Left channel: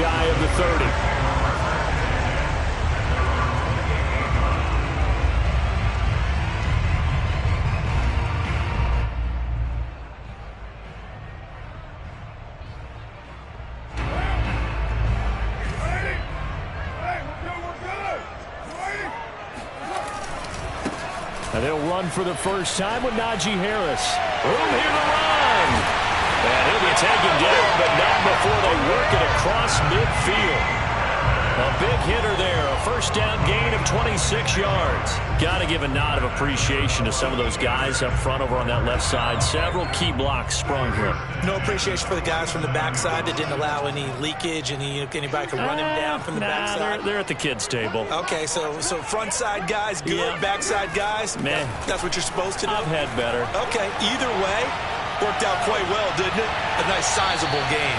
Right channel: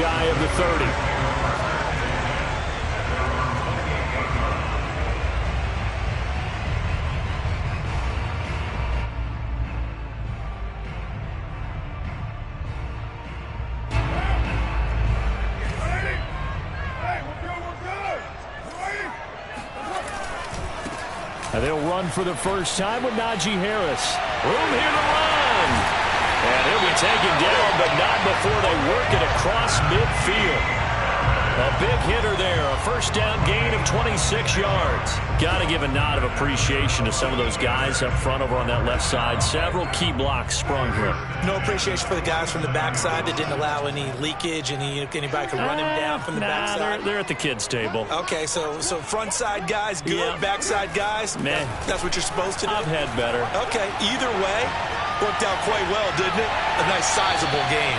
shy of the 30. And they'll run for the first time with Najee Harris. Room here to run. And he'll be taken down, but not before they work it across midfield. A big hitter there. A first down gain of 26 yards. Got to give a nod of appreciation to some of those guys up front over on that left side. Several key blocks sprung here. No appreciation for the guys from the backside that didn't allow any leakage. Anybody could run him down from the backside. They're at the kids' table. Okay, so front side guys good, yeah. Backside guys, man, that's what you're supposed to do? I've had better. Okay, either way, worked out quite well, didn't it? A nice sizable gain.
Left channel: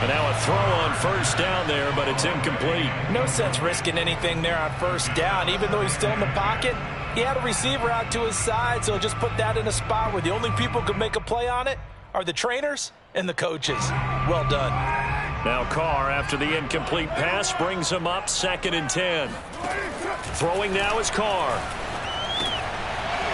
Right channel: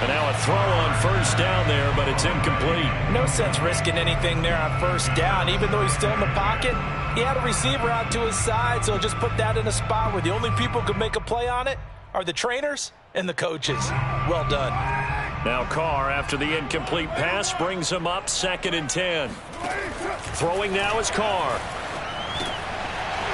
And now a throw on first down there, but it's incomplete. No sense risking anything there on first down. Even though he's still in the pocket, he had a receiver out to his side, so just put that in a spot where the only people who could make a play on it are the trainers and the coaches. Well done. Now Carr, after the incomplete pass, brings him up 2nd and 10. Throwing now is Carr.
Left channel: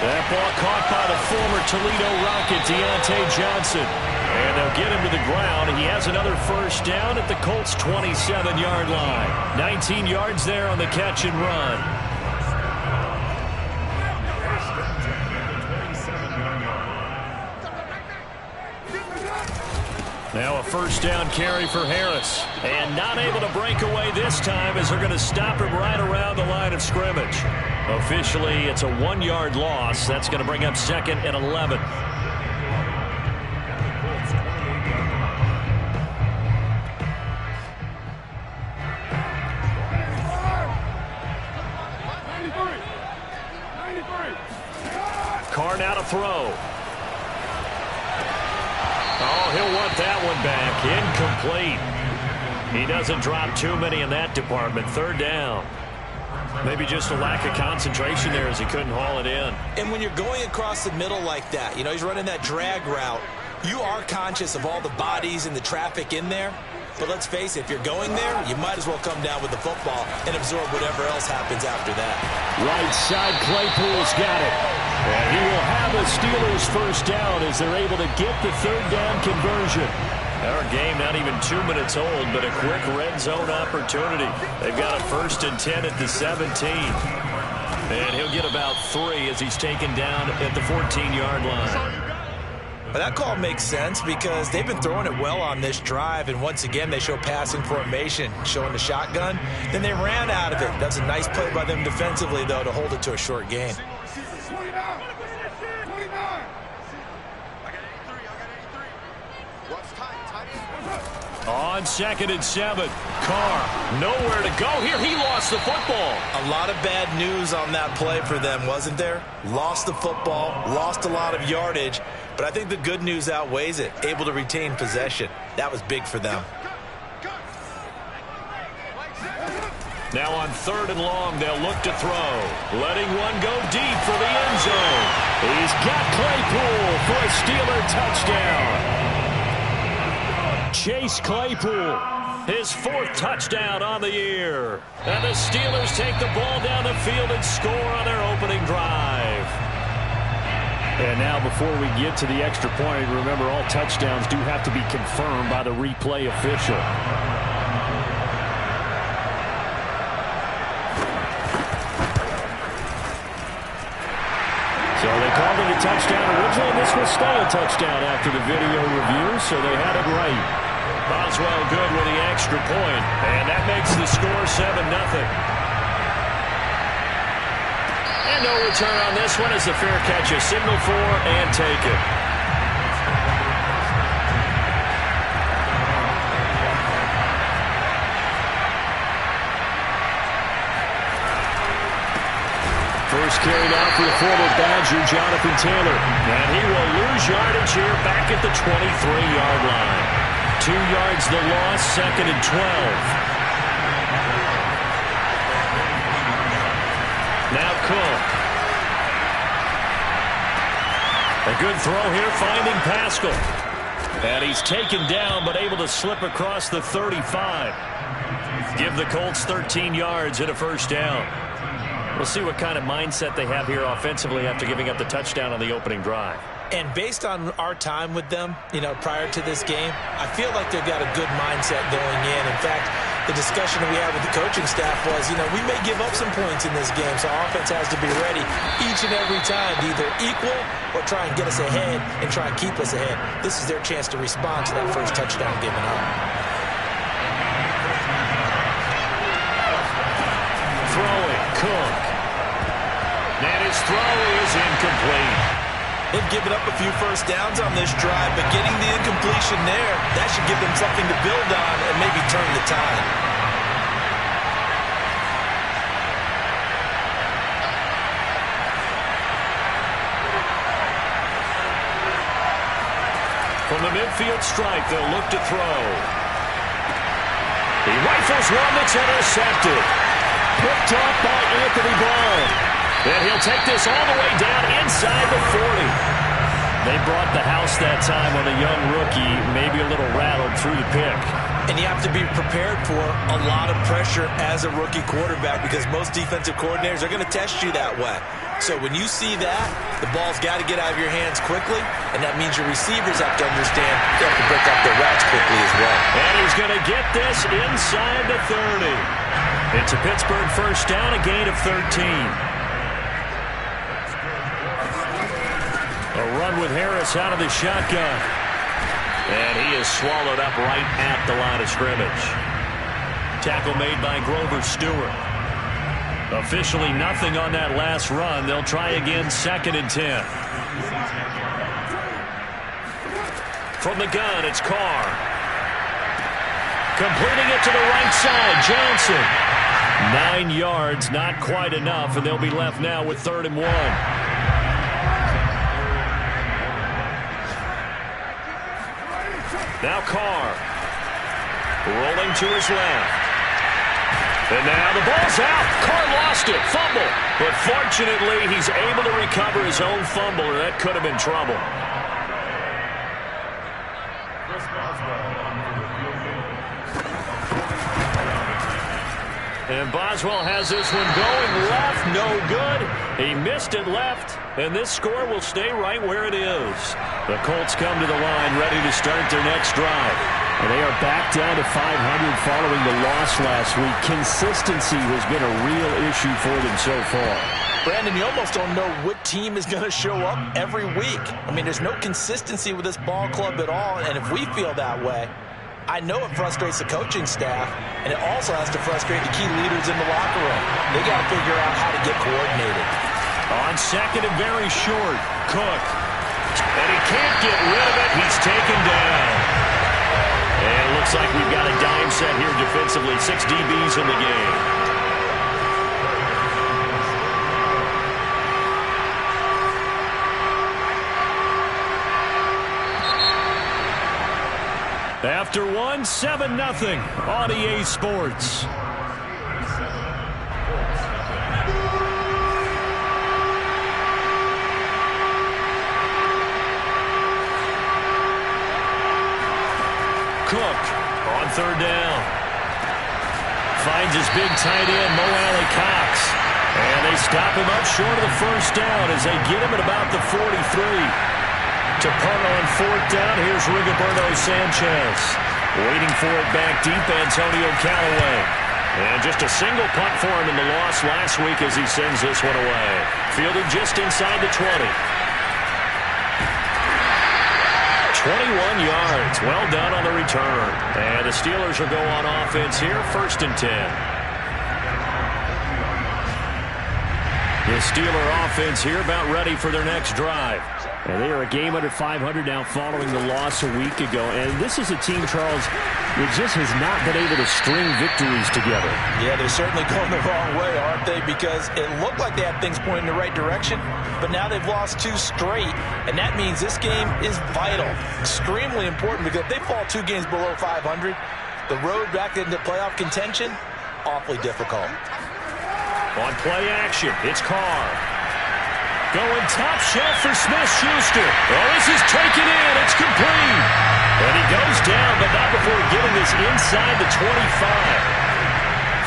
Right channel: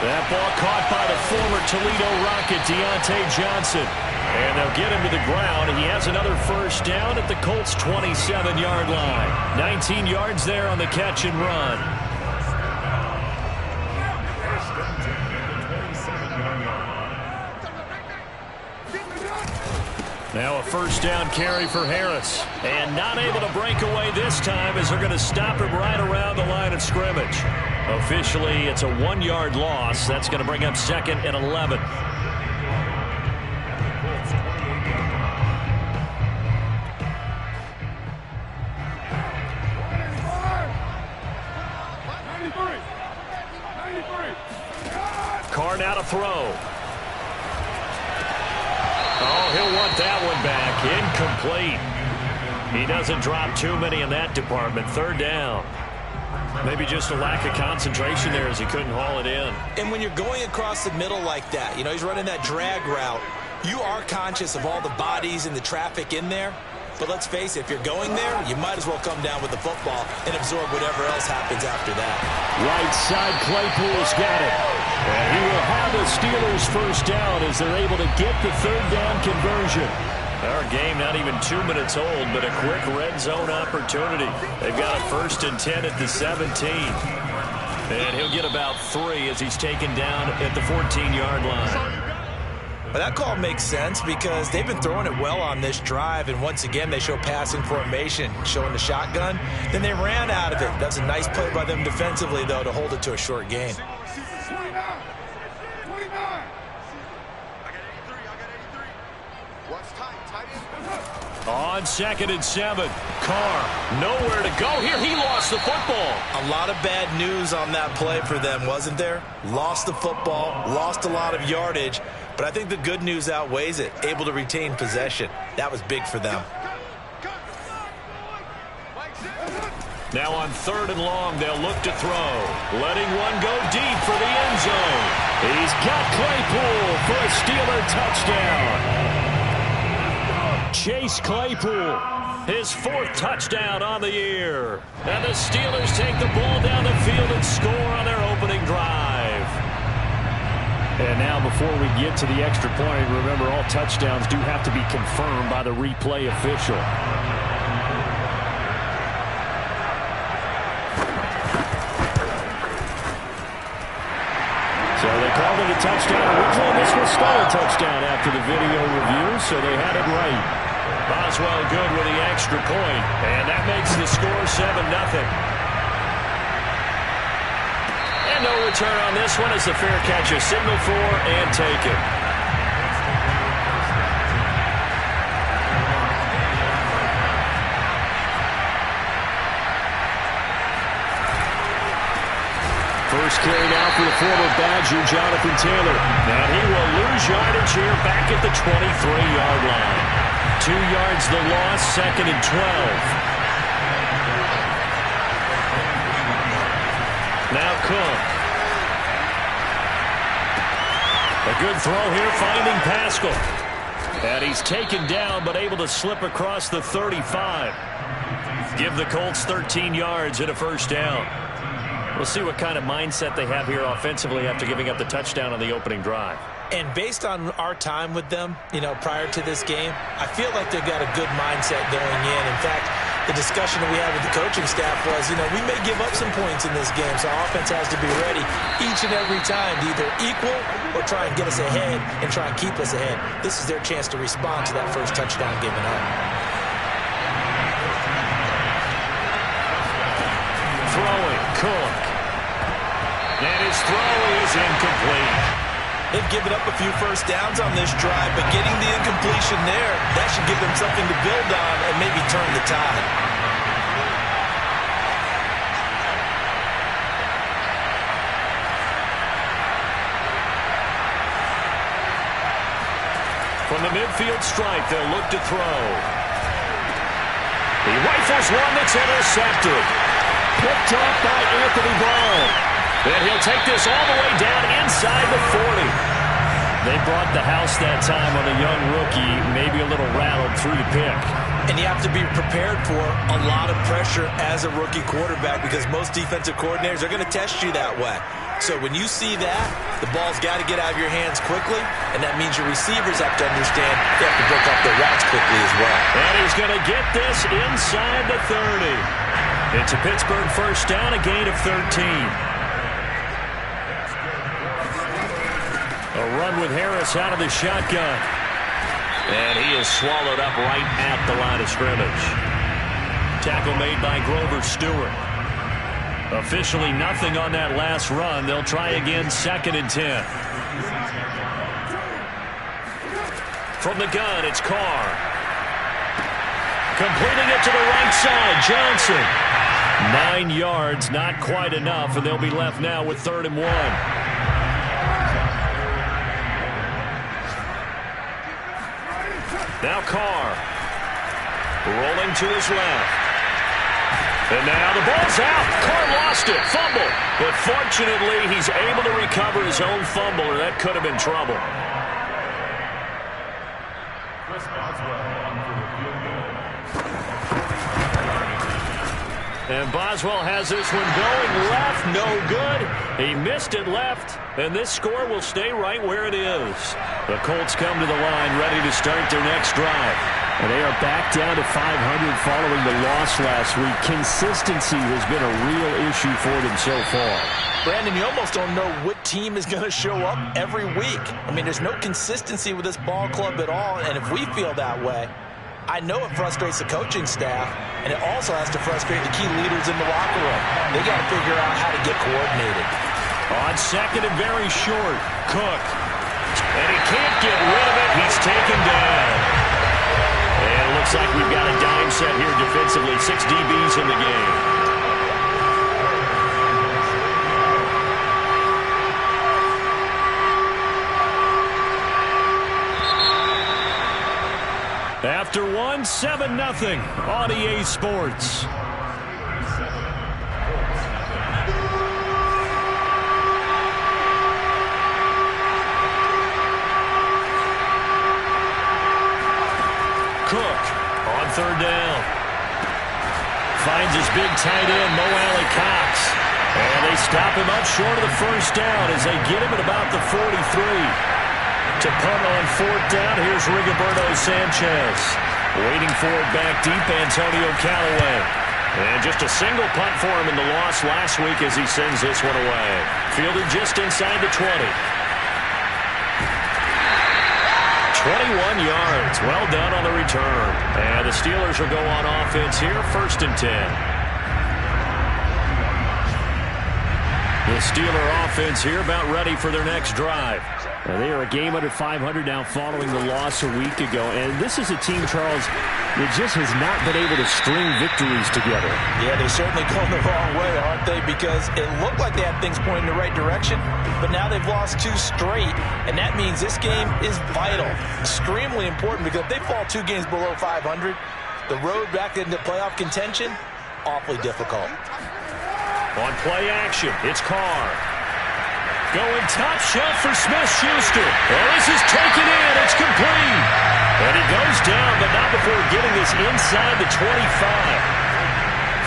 That ball caught by the former Toledo Rocket, Deontay Johnson. And they'll get him to the ground. He has another first down at the Colts' 27-yard line. 19 yards there on the catch and run. Now a first down carry for Harris. And not able to break away this time as they're going to stop him right around the line of scrimmage. Officially, it's a 1-yard loss. That's going to bring up 2nd and 11. Carr now to throw. Oh, he'll want that one back. Incomplete. He doesn't drop too many in that department. 3rd down. Maybe just a lack of concentration there as he couldn't haul it in. And when you're going across the middle like that, you know, he's running that drag route, you are conscious of all the bodies and the traffic in there. But let's face it, if you're going there, you might as well come down with the football and absorb whatever else happens after that. Right side, Claypool's got it. And he will have the Steelers first down as they're able to get the 3rd down conversion. Our game not even 2 minutes old, but a quick red zone opportunity. They've got a 1st and 10 at the 17. And he'll get about 3 as he's taken down at the 14-yard line. Well, that call makes sense because they've been throwing it well on this drive, and once again they show passing formation, showing the shotgun. Then they ran out of it. That's a nice play by them defensively, though, to hold it to a short gain. On 2nd and 7, Carr nowhere to go here. He lost the football. A lot of bad news on that play for them, wasn't there? Lost the football, lost a lot of yardage, but I think the good news outweighs it. Able to retain possession. That was big for them. Now on 3rd and long, they'll look to throw. Letting one go deep for the end zone. He's got Claypool for a Steeler touchdown. Chase Claypool, his 4th touchdown on the year. And the Steelers take the ball down the field and score on their opening drive. And now before we get to the extra point, remember all touchdowns do have to be confirmed by the replay official. So they called it a touchdown originally. This was still a touchdown after the video review, so they had it right. Boswell good with the extra point, and that makes the score 7-0. And no return on this one as the fair catch is signaled for and taken. First carry now for the former Badger, Jonathan Taylor. And he will lose yardage here back at the 23-yard line. 2 yards the loss, 2nd and 12. Now Cook. A good throw here, finding Pascal. And he's taken down, but able to slip across the 35. Give the Colts 13 yards and a first down. We'll see what kind of mindset they have here offensively after giving up the touchdown on the opening drive. And based on our time with them, prior to this game, I feel like they've got a good mindset going in. In fact, the discussion that we had with the coaching staff was, we may give up some points in this game, so our offense has to be ready each and every time to either equal or try and get us ahead and try and keep us ahead. This is their chance to respond to that first touchdown given up. Throwing, Cook. And his throw is incomplete. They've given up a few first downs on this drive, but getting the incompletion there, that should give them something to build on and maybe turn the tide. From the midfield stripe, they'll look to throw. He rifles one that's intercepted. Picked off by Anthony Brown. And he'll take this all the way down inside the 40. They brought the house that time on a young rookie, maybe a little rattled through the pick. And you have to be prepared for a lot of pressure as a rookie quarterback because most defensive coordinators are going to test you that way. So when you see that, the ball's got to get out of your hands quickly, and that means your receivers have to understand they have to break up their routes quickly as well. And he's going to get this inside the 30. It's a Pittsburgh first down, a gain of 13. A run with Harris out of the shotgun. And he is swallowed up right at the line of scrimmage. Tackle made by Grover Stewart. Officially nothing on that last run. They'll try again, 2nd and 10. From the gun, it's Carr. Completing it to the right side, Johnson. 9 yards, not quite enough, and they'll be left now with 3rd and 1. Now Carr, rolling to his left. And now the ball's out. Carr lost it, fumble. But fortunately, he's able to recover his own fumble, or that could have been trouble. And Boswell has this one going left, no good. He missed it left, and this score will stay right where it is. The Colts come to the line, ready to start their next drive. And they are back down to 500 following the loss last week. Consistency has been a real issue for them so far. Brandon, you almost don't know what team is going to show up every week. I mean, there's no consistency with this ball club at all, and if we feel that way, I know it frustrates the coaching staff, and it also has to frustrate the key leaders in the locker room. They got to figure out how to get coordinated. On 2nd and very short, Cook. And he can't get rid of it. He's taken down. And it looks like we've got a dime set here defensively. 6 DBs in the game. After 1, 7-0 on EA Sports. Cook on 3rd down. Finds his big tight end, Mo Alley-Cox. And they stop him up short of the first down as they get him at about the 43. To punt on 4th down, here's Rigoberto Sanchez. Waiting for it back deep, Antonio Callaway. And just a single punt for him in the loss last week as he sends this one away. Fielded just inside the 20. 21 yards. Well done on the return. And the Steelers will go on offense here, 1st and 10. The Steeler offense here about ready for their next drive. And they are a game under 500 now following the loss a week ago. And this is a team, Charles, that just has not been able to string victories together. Yeah, they're certainly going the wrong way, aren't they? Because it looked like they had things pointing in the right direction, but now they've lost 2 straight. And that means this game is vital, extremely important, because if they fall 2 games below 500, the road back into playoff contention, awfully difficult. On play action, it's Carr. Going top shelf for Smith-Schuster. Oh, this is taken in. It's complete. And he goes down, but not before getting this inside the 25.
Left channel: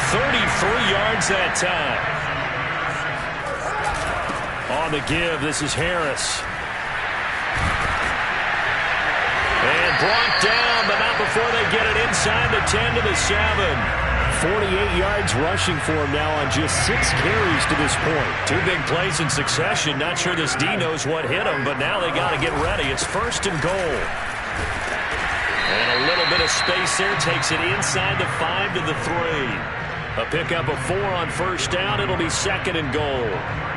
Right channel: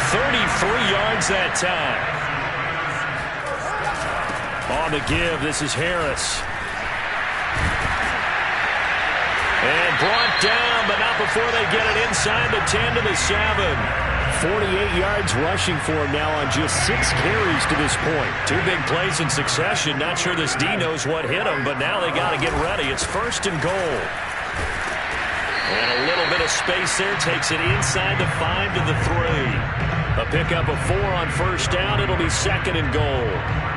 33 yards that time. On the give, this is Harris. And brought down, but not before they get it inside the 10 to the 7. 48 yards rushing for him now on just 6 carries to this point. 2 big plays in succession. Not sure this D knows what hit him, but now they got to get ready. It's 1st and goal. And a little bit of space there takes it inside the 5 to the 3. A pickup of 4 on 1st down. It'll be 2nd and goal.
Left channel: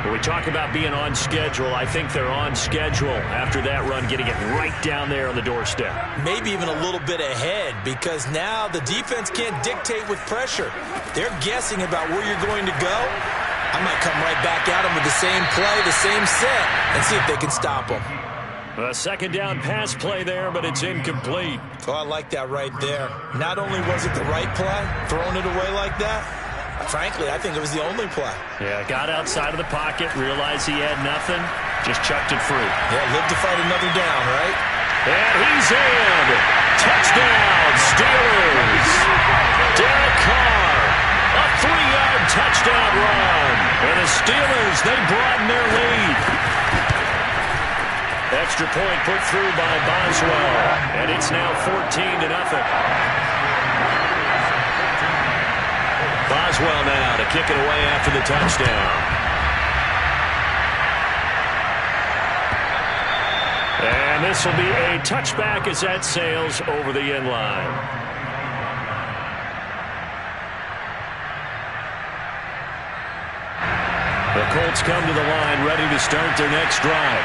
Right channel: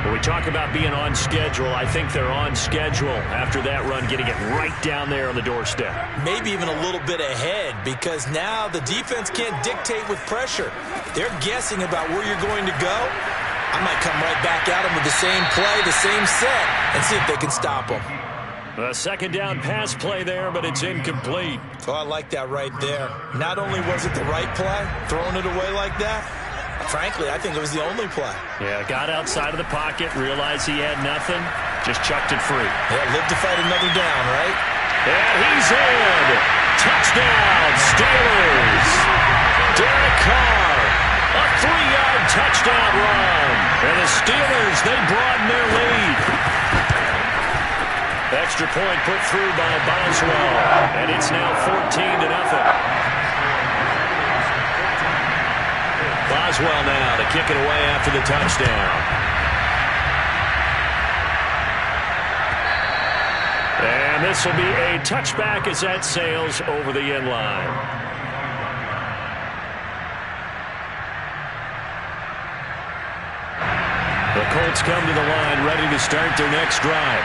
When we talk about being on schedule, I think they're on schedule after that run, getting it right down there on the doorstep. Maybe even a little bit ahead, because now the defense can't dictate with pressure. They're guessing about where you're going to go. I might come right back at them with the same play, the same set, and see if they can stop them. A 2nd down pass play there, but it's incomplete. Oh, I like that right there. Not only was it the right play, throwing it away like that, frankly, I think it was the only play. Yeah, got outside of the pocket, realized he had nothing, just chucked it free. Yeah, live to fight another down, right? And he's in. Touchdown, Steelers. Derek Carr, a 3-yard touchdown run. And the Steelers, they broaden their lead. Extra point put through by Boswell, and it's now 14-0. Boswell now to kick it away after the touchdown. And this will be a touchback as that sails over the end line. The Colts come to the line ready to start their next drive.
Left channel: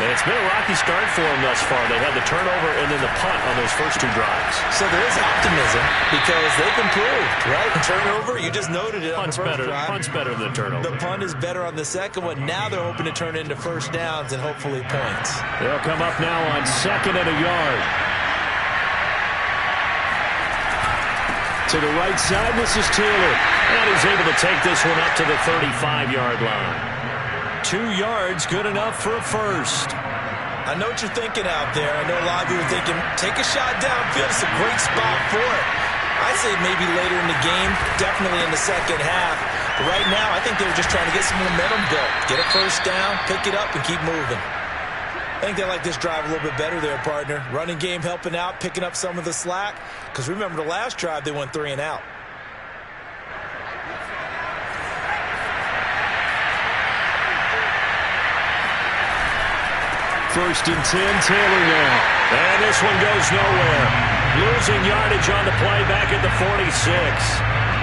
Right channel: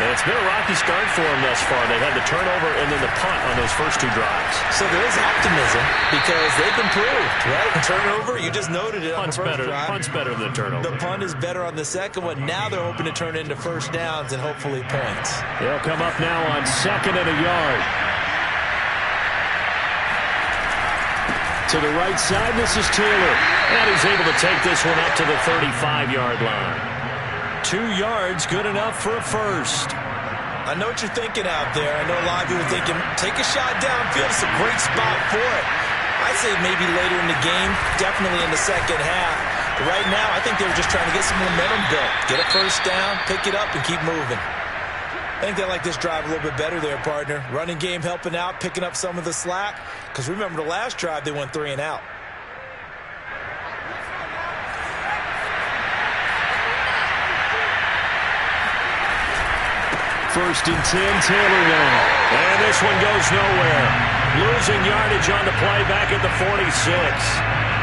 And it's been a rocky start for them thus far. They had the turnover and then the punt on those first 2 drives. So there is optimism because they've improved, right? The turnover, you just noted it on the first drive. Punt's better than the turnover. The punt is better on the second one. Now they're hoping to turn it into 1st downs and hopefully points. They'll come up now on 2nd and a yard. To the right side, this is Taylor. And he's able to take this one up to the 35-yard line. 2 yards, good enough for a first. I know what you're thinking out there. I know a lot of you are thinking, take a shot downfield. It's a great spot for it. I say maybe later in the game, definitely in the second half. But right now, I think they were just trying to get some momentum built. Get a first down, pick it up, and keep moving. I think they like this drive a little bit better there, partner. Running game helping out, picking up some of the slack. Because remember the last drive, they went 3 and out. First and 10, Taylor now. And this one goes nowhere. Losing yardage on the play back at the 46.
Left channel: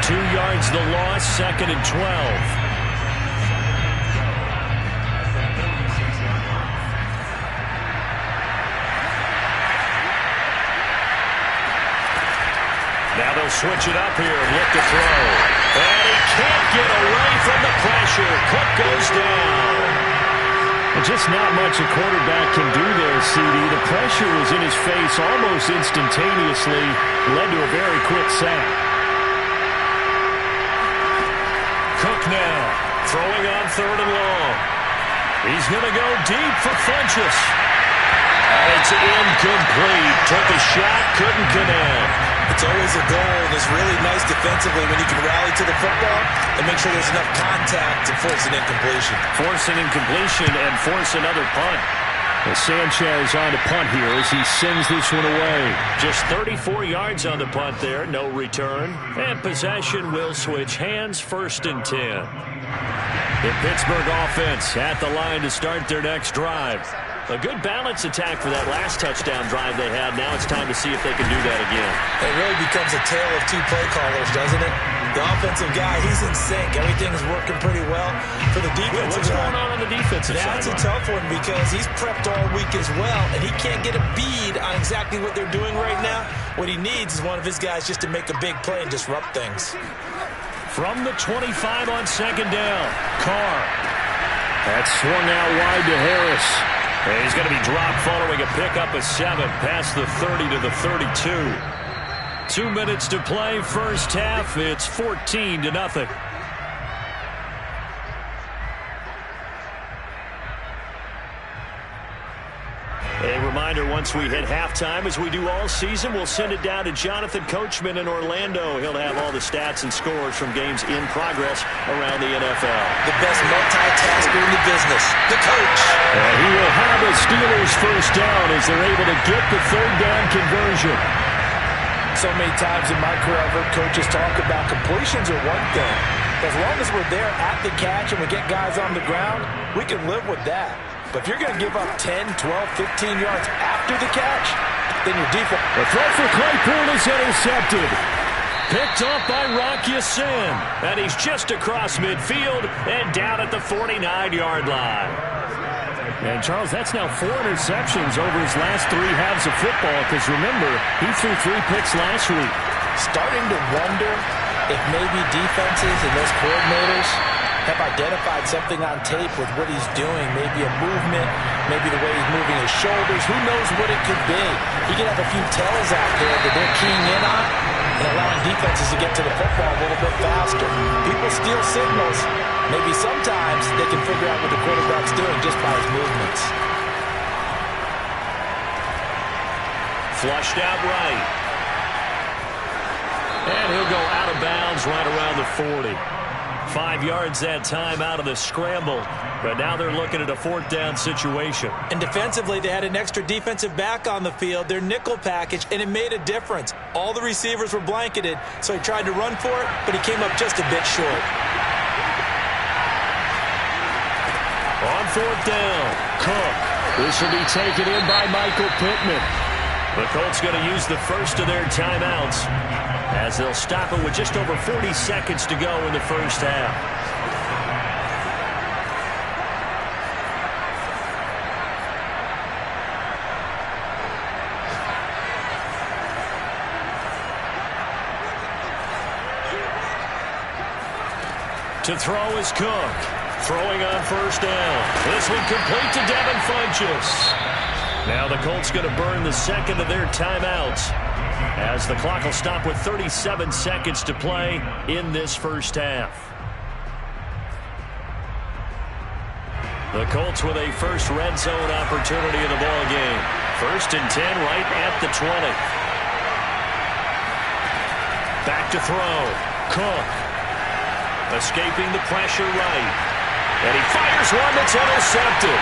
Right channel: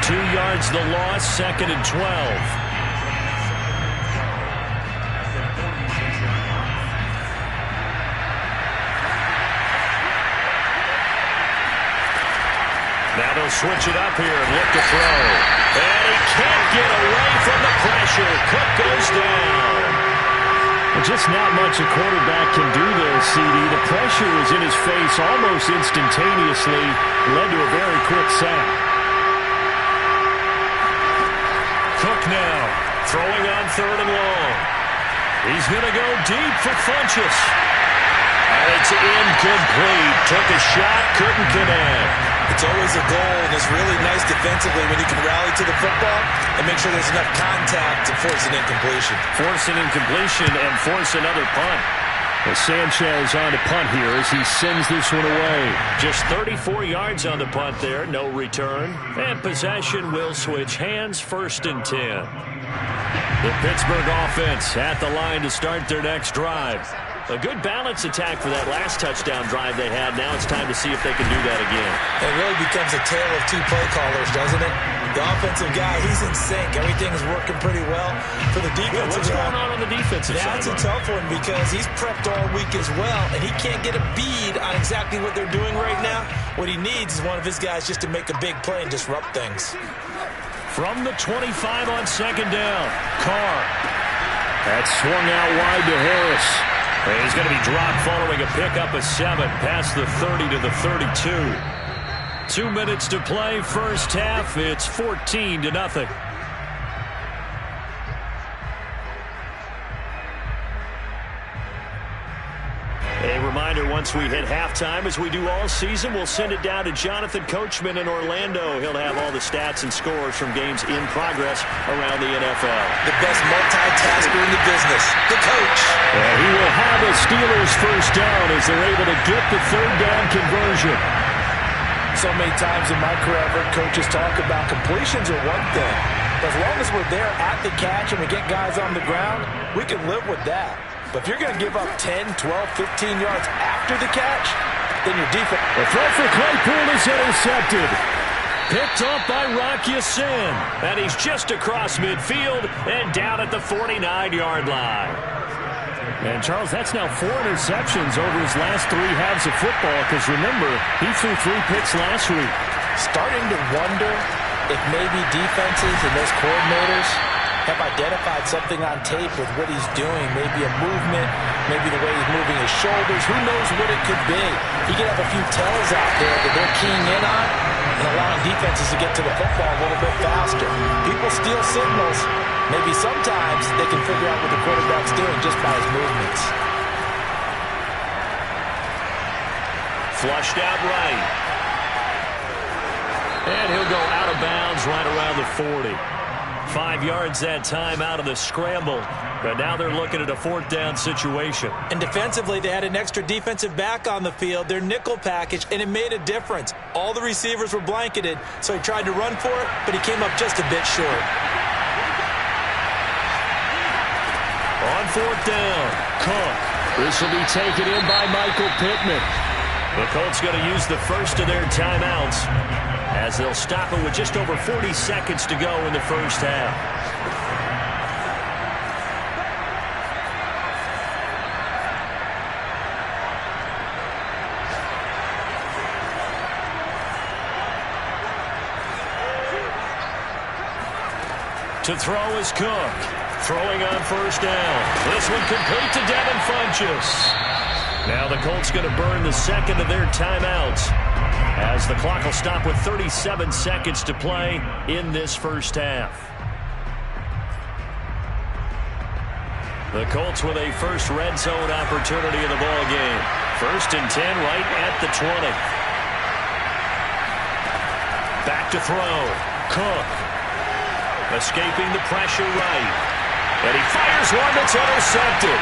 2 yards the loss, 2nd and 12. Now they'll switch it up here and look to throw. And he can't get away from the pressure. Cook goes down. Just not much a quarterback can do there, CD. The pressure was in his face almost instantaneously, led to a very quick sack. Cook now, throwing on 3rd and long. He's going to go deep for Funchess. And it's incomplete. Took a shot, couldn't connect. It's always a goal, and it's really nice defensively when you can rally to the football and make sure there's enough contact to force an incompletion. Force an incompletion and force another punt. Well, Sanchez on to punt here as he sends this one away. Just 34 yards on the punt there, no return. And possession will switch hands, 1st and 10. The Pittsburgh offense at the line to start their next drive. A good balance attack for that last touchdown drive they had. Now it's time to see if they can do that again. It really becomes a tale of 2 play callers, doesn't it? The offensive guy, he's in sync. Everything is working pretty well. For the defensive What's going on the defensive side? That's a tough one because he's prepped all week as well, and he can't get a bead on exactly what they're doing right now. What he needs is one of his guys just to make a big play and disrupt things. From the 25 on 2nd down, Carr. That's swung out wide to Harris. And he's going to be dropped following a pickup of 7 past the 30 to the 32. 2 minutes to play, first half. It's 14-0. reminder, once we hit halftime, as we do all season, we'll send it down to Jonathan Coachman in Orlando. He'll have all the stats and scores from games in progress around the NFL. The best multitasker in the business, the coach. And he will have a Steelers first down as they're able to get the third down conversion. So many times in my career, I've heard coaches talk about completions are one thing. But as long as we're there at the catch and we get guys on the ground, we can live with that. But if you're going to give up 10, 12, 15 yards after the catch, then your defense... The throw for Claypool is intercepted. Picked off by Rock Ya-Sin. And he's just across midfield and down at the 49-yard line. And, Charles, that's now 4 interceptions over his last 3 halves of football. Because, remember, he threw 3 picks last week. Starting to wonder if maybe defenses and those coordinators have identified something on tape with what he's doing. Maybe a movement, maybe the way he's moving his shoulders. Who knows what it could be? He could have a few tells out there that they're keying in on and allowing defenses to get to the football a little bit faster. People steal signals. Maybe sometimes they can figure out what the quarterback's doing just by his movements. Flushed out right. And he'll go out of bounds right around the 40. 5 yards that time out of the scramble. But now they're looking at a 4th down situation. And defensively, they had an extra defensive back on the field, their nickel package, and it made a difference. All the receivers were blanketed, so he tried to run for it, but he came up just a bit short. On 4th down, Cook. This will be taken in by Michael Pittman. The Colts going to use the first of their timeouts as they'll stop it with just over 40 seconds to go in the first half. To throw is Cook. Throwing on 1st down. This one complete to Devin Funchess. Now the Colts going to burn the second of their timeouts as the clock will stop with 37 seconds to play in this first half. The Colts with a first red zone opportunity of the ball game. 1st and 10 right at the 20. Back to throw. Cook. Escaping the pressure right. And he fires one that's intercepted.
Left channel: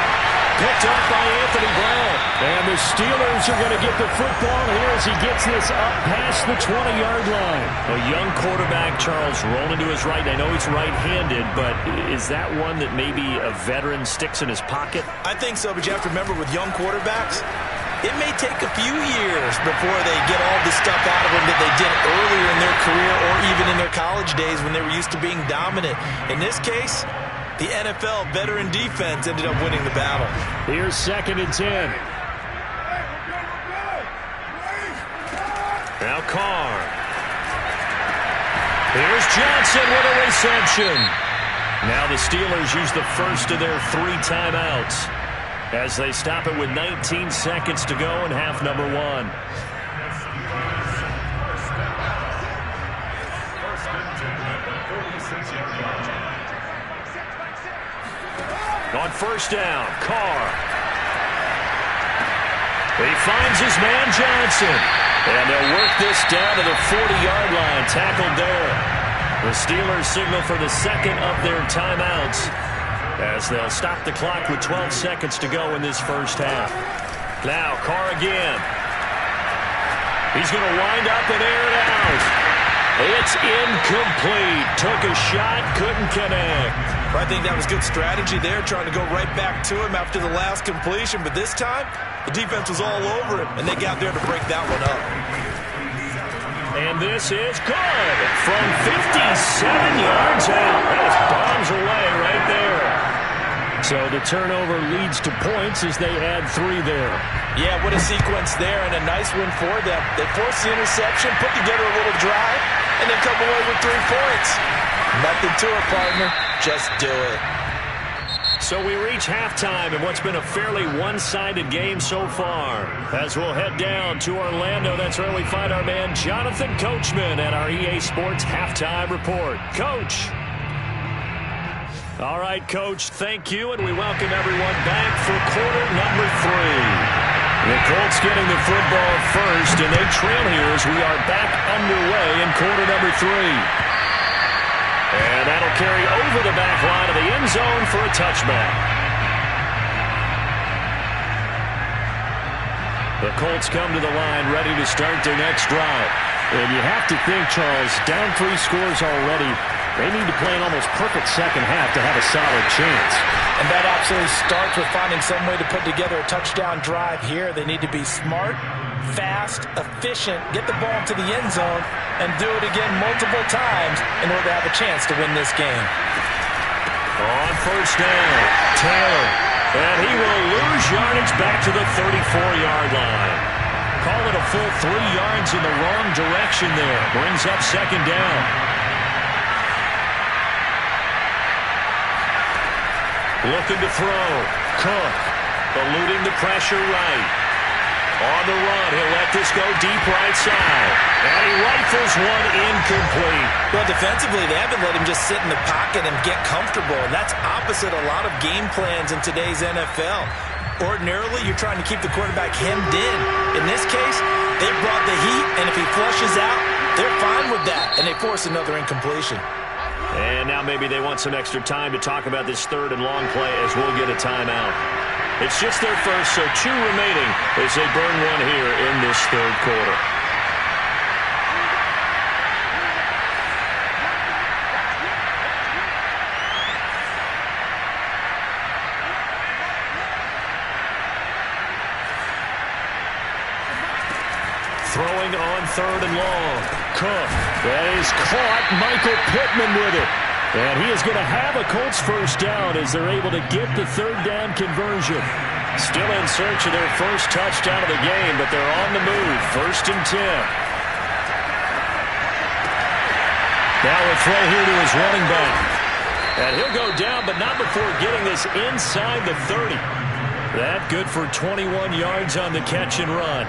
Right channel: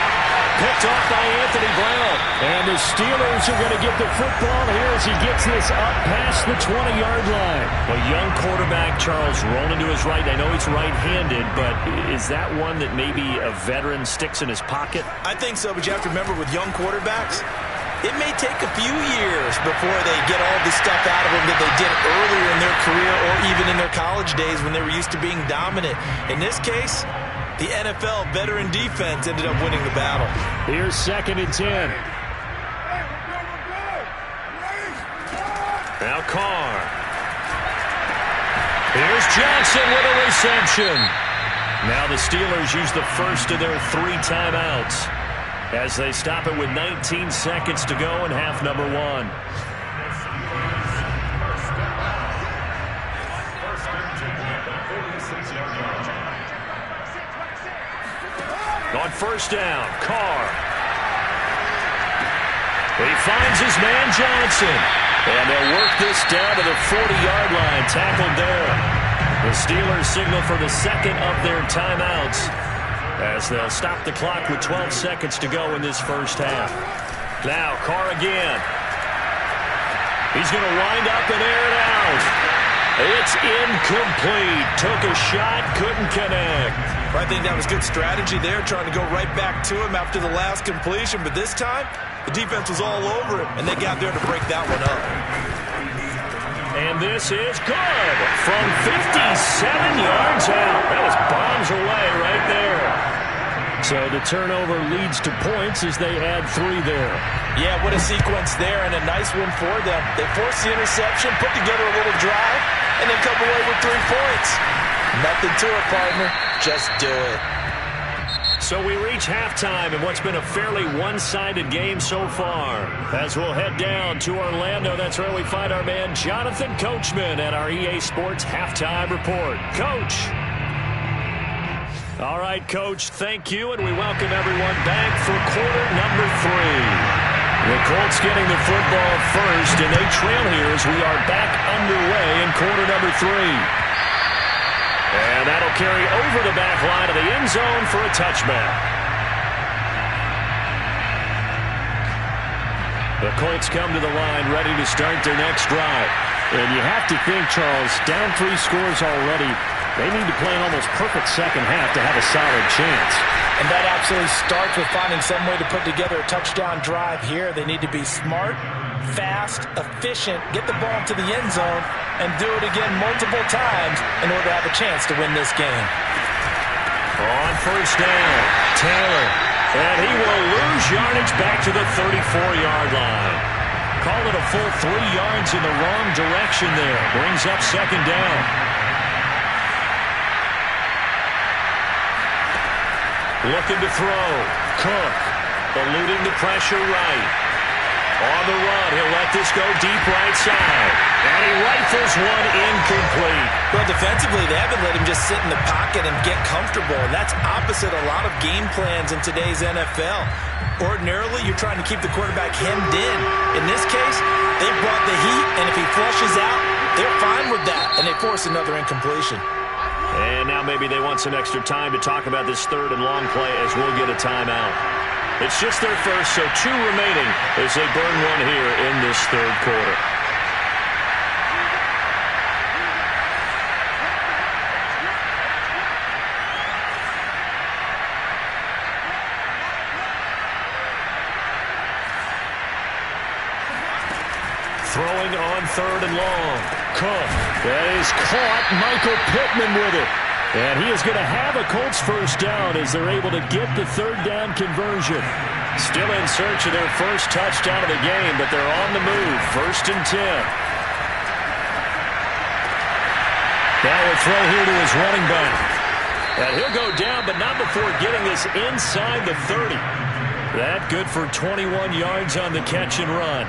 Picked off by Anthony Brown. And the Steelers are going to get the football here as he gets this up past the 20-yard line. A young quarterback, Charles, rolling to his right. I know he's right-handed, but is that one that maybe a veteran sticks in his pocket? I think so, but you have to remember with young quarterbacks, it may take a few years before they get all the stuff out of them that they did earlier in their career or even in their college days when they were used to being dominant. In this case, the NFL veteran defense ended up winning the battle. Here's 2nd and 10. Now Carr. Here's Johnson with a reception. Now the Steelers use the first of their 3 timeouts as they stop it with 19 seconds to go in half number 1. On 1st down, Carr. He finds his man Johnson. And they'll work this down to the 40-yard line. Tackled there. The Steelers signal for the second of their timeouts as they'll stop the clock with 12 seconds to go in this first half. Now, Carr again. He's going to wind up and air it out. It's incomplete. Took a shot, couldn't connect. I think that was good strategy there, trying to go right back to him after the last completion. But this time, the defense was all over him, and they got there to break that one up. And this is good from 57 yards out. That was bombs away right there. So the turnover leads to points as they add 3 there. Yeah, what a sequence there, and a nice win for them. They forced the interception, put together a little drive, and then come away with 3 points. Nothing to it, partner. Just do it. So we reach halftime in what's been a fairly one-sided game so far. As we'll head down to Orlando, that's where we find our man Jonathan Coachman at our EA Sports Halftime Report. Coach. All right, Coach, thank you, and we welcome everyone back for quarter number 3. The Colts getting the football first, and they trail here as we are back underway in quarter number 3. And that'll carry over the back line of the end zone for a touchback. The Colts come to the line ready to start their next drive. And you have to think, Charles, down 3 scores already. They need to play an almost perfect second half to have a solid chance. And that absolutely starts with finding some way to put together a touchdown drive here. They need to be smart, fast, efficient, get the ball to the end zone, and do it again multiple times in order to have a chance to win this game. On first down, Taylor. And he will lose yardage back to the 34-yard line. Call it a full 3 yards in the wrong direction there. Brings up second down. Looking to throw. Cook. Eluding the pressure right. On the run, he'll let this go deep right side. And he rifles one incomplete. Well, defensively, they haven't let him just sit in the pocket and get comfortable. And that's opposite a lot of game plans in today's NFL. Ordinarily, you're trying to keep the quarterback hemmed in. In this case, they brought the heat, and if he flushes out, they're fine with that. And they force another incompletion. And now maybe they want some extra time to talk about this third and long play as we'll get a timeout. It's just their first, so 2 remaining as they burn one here in this third quarter. Throwing on third and long. Cook. That is caught. Michael Pittman with it. And he is going to have a Colts first down as they're able to get the third down conversion. Still in search of their first touchdown of the game, but they're on the move. First and 10. Now a throw here to his running back. And he'll go down, but not before getting this inside the 30. That good for 21 yards on the catch and run.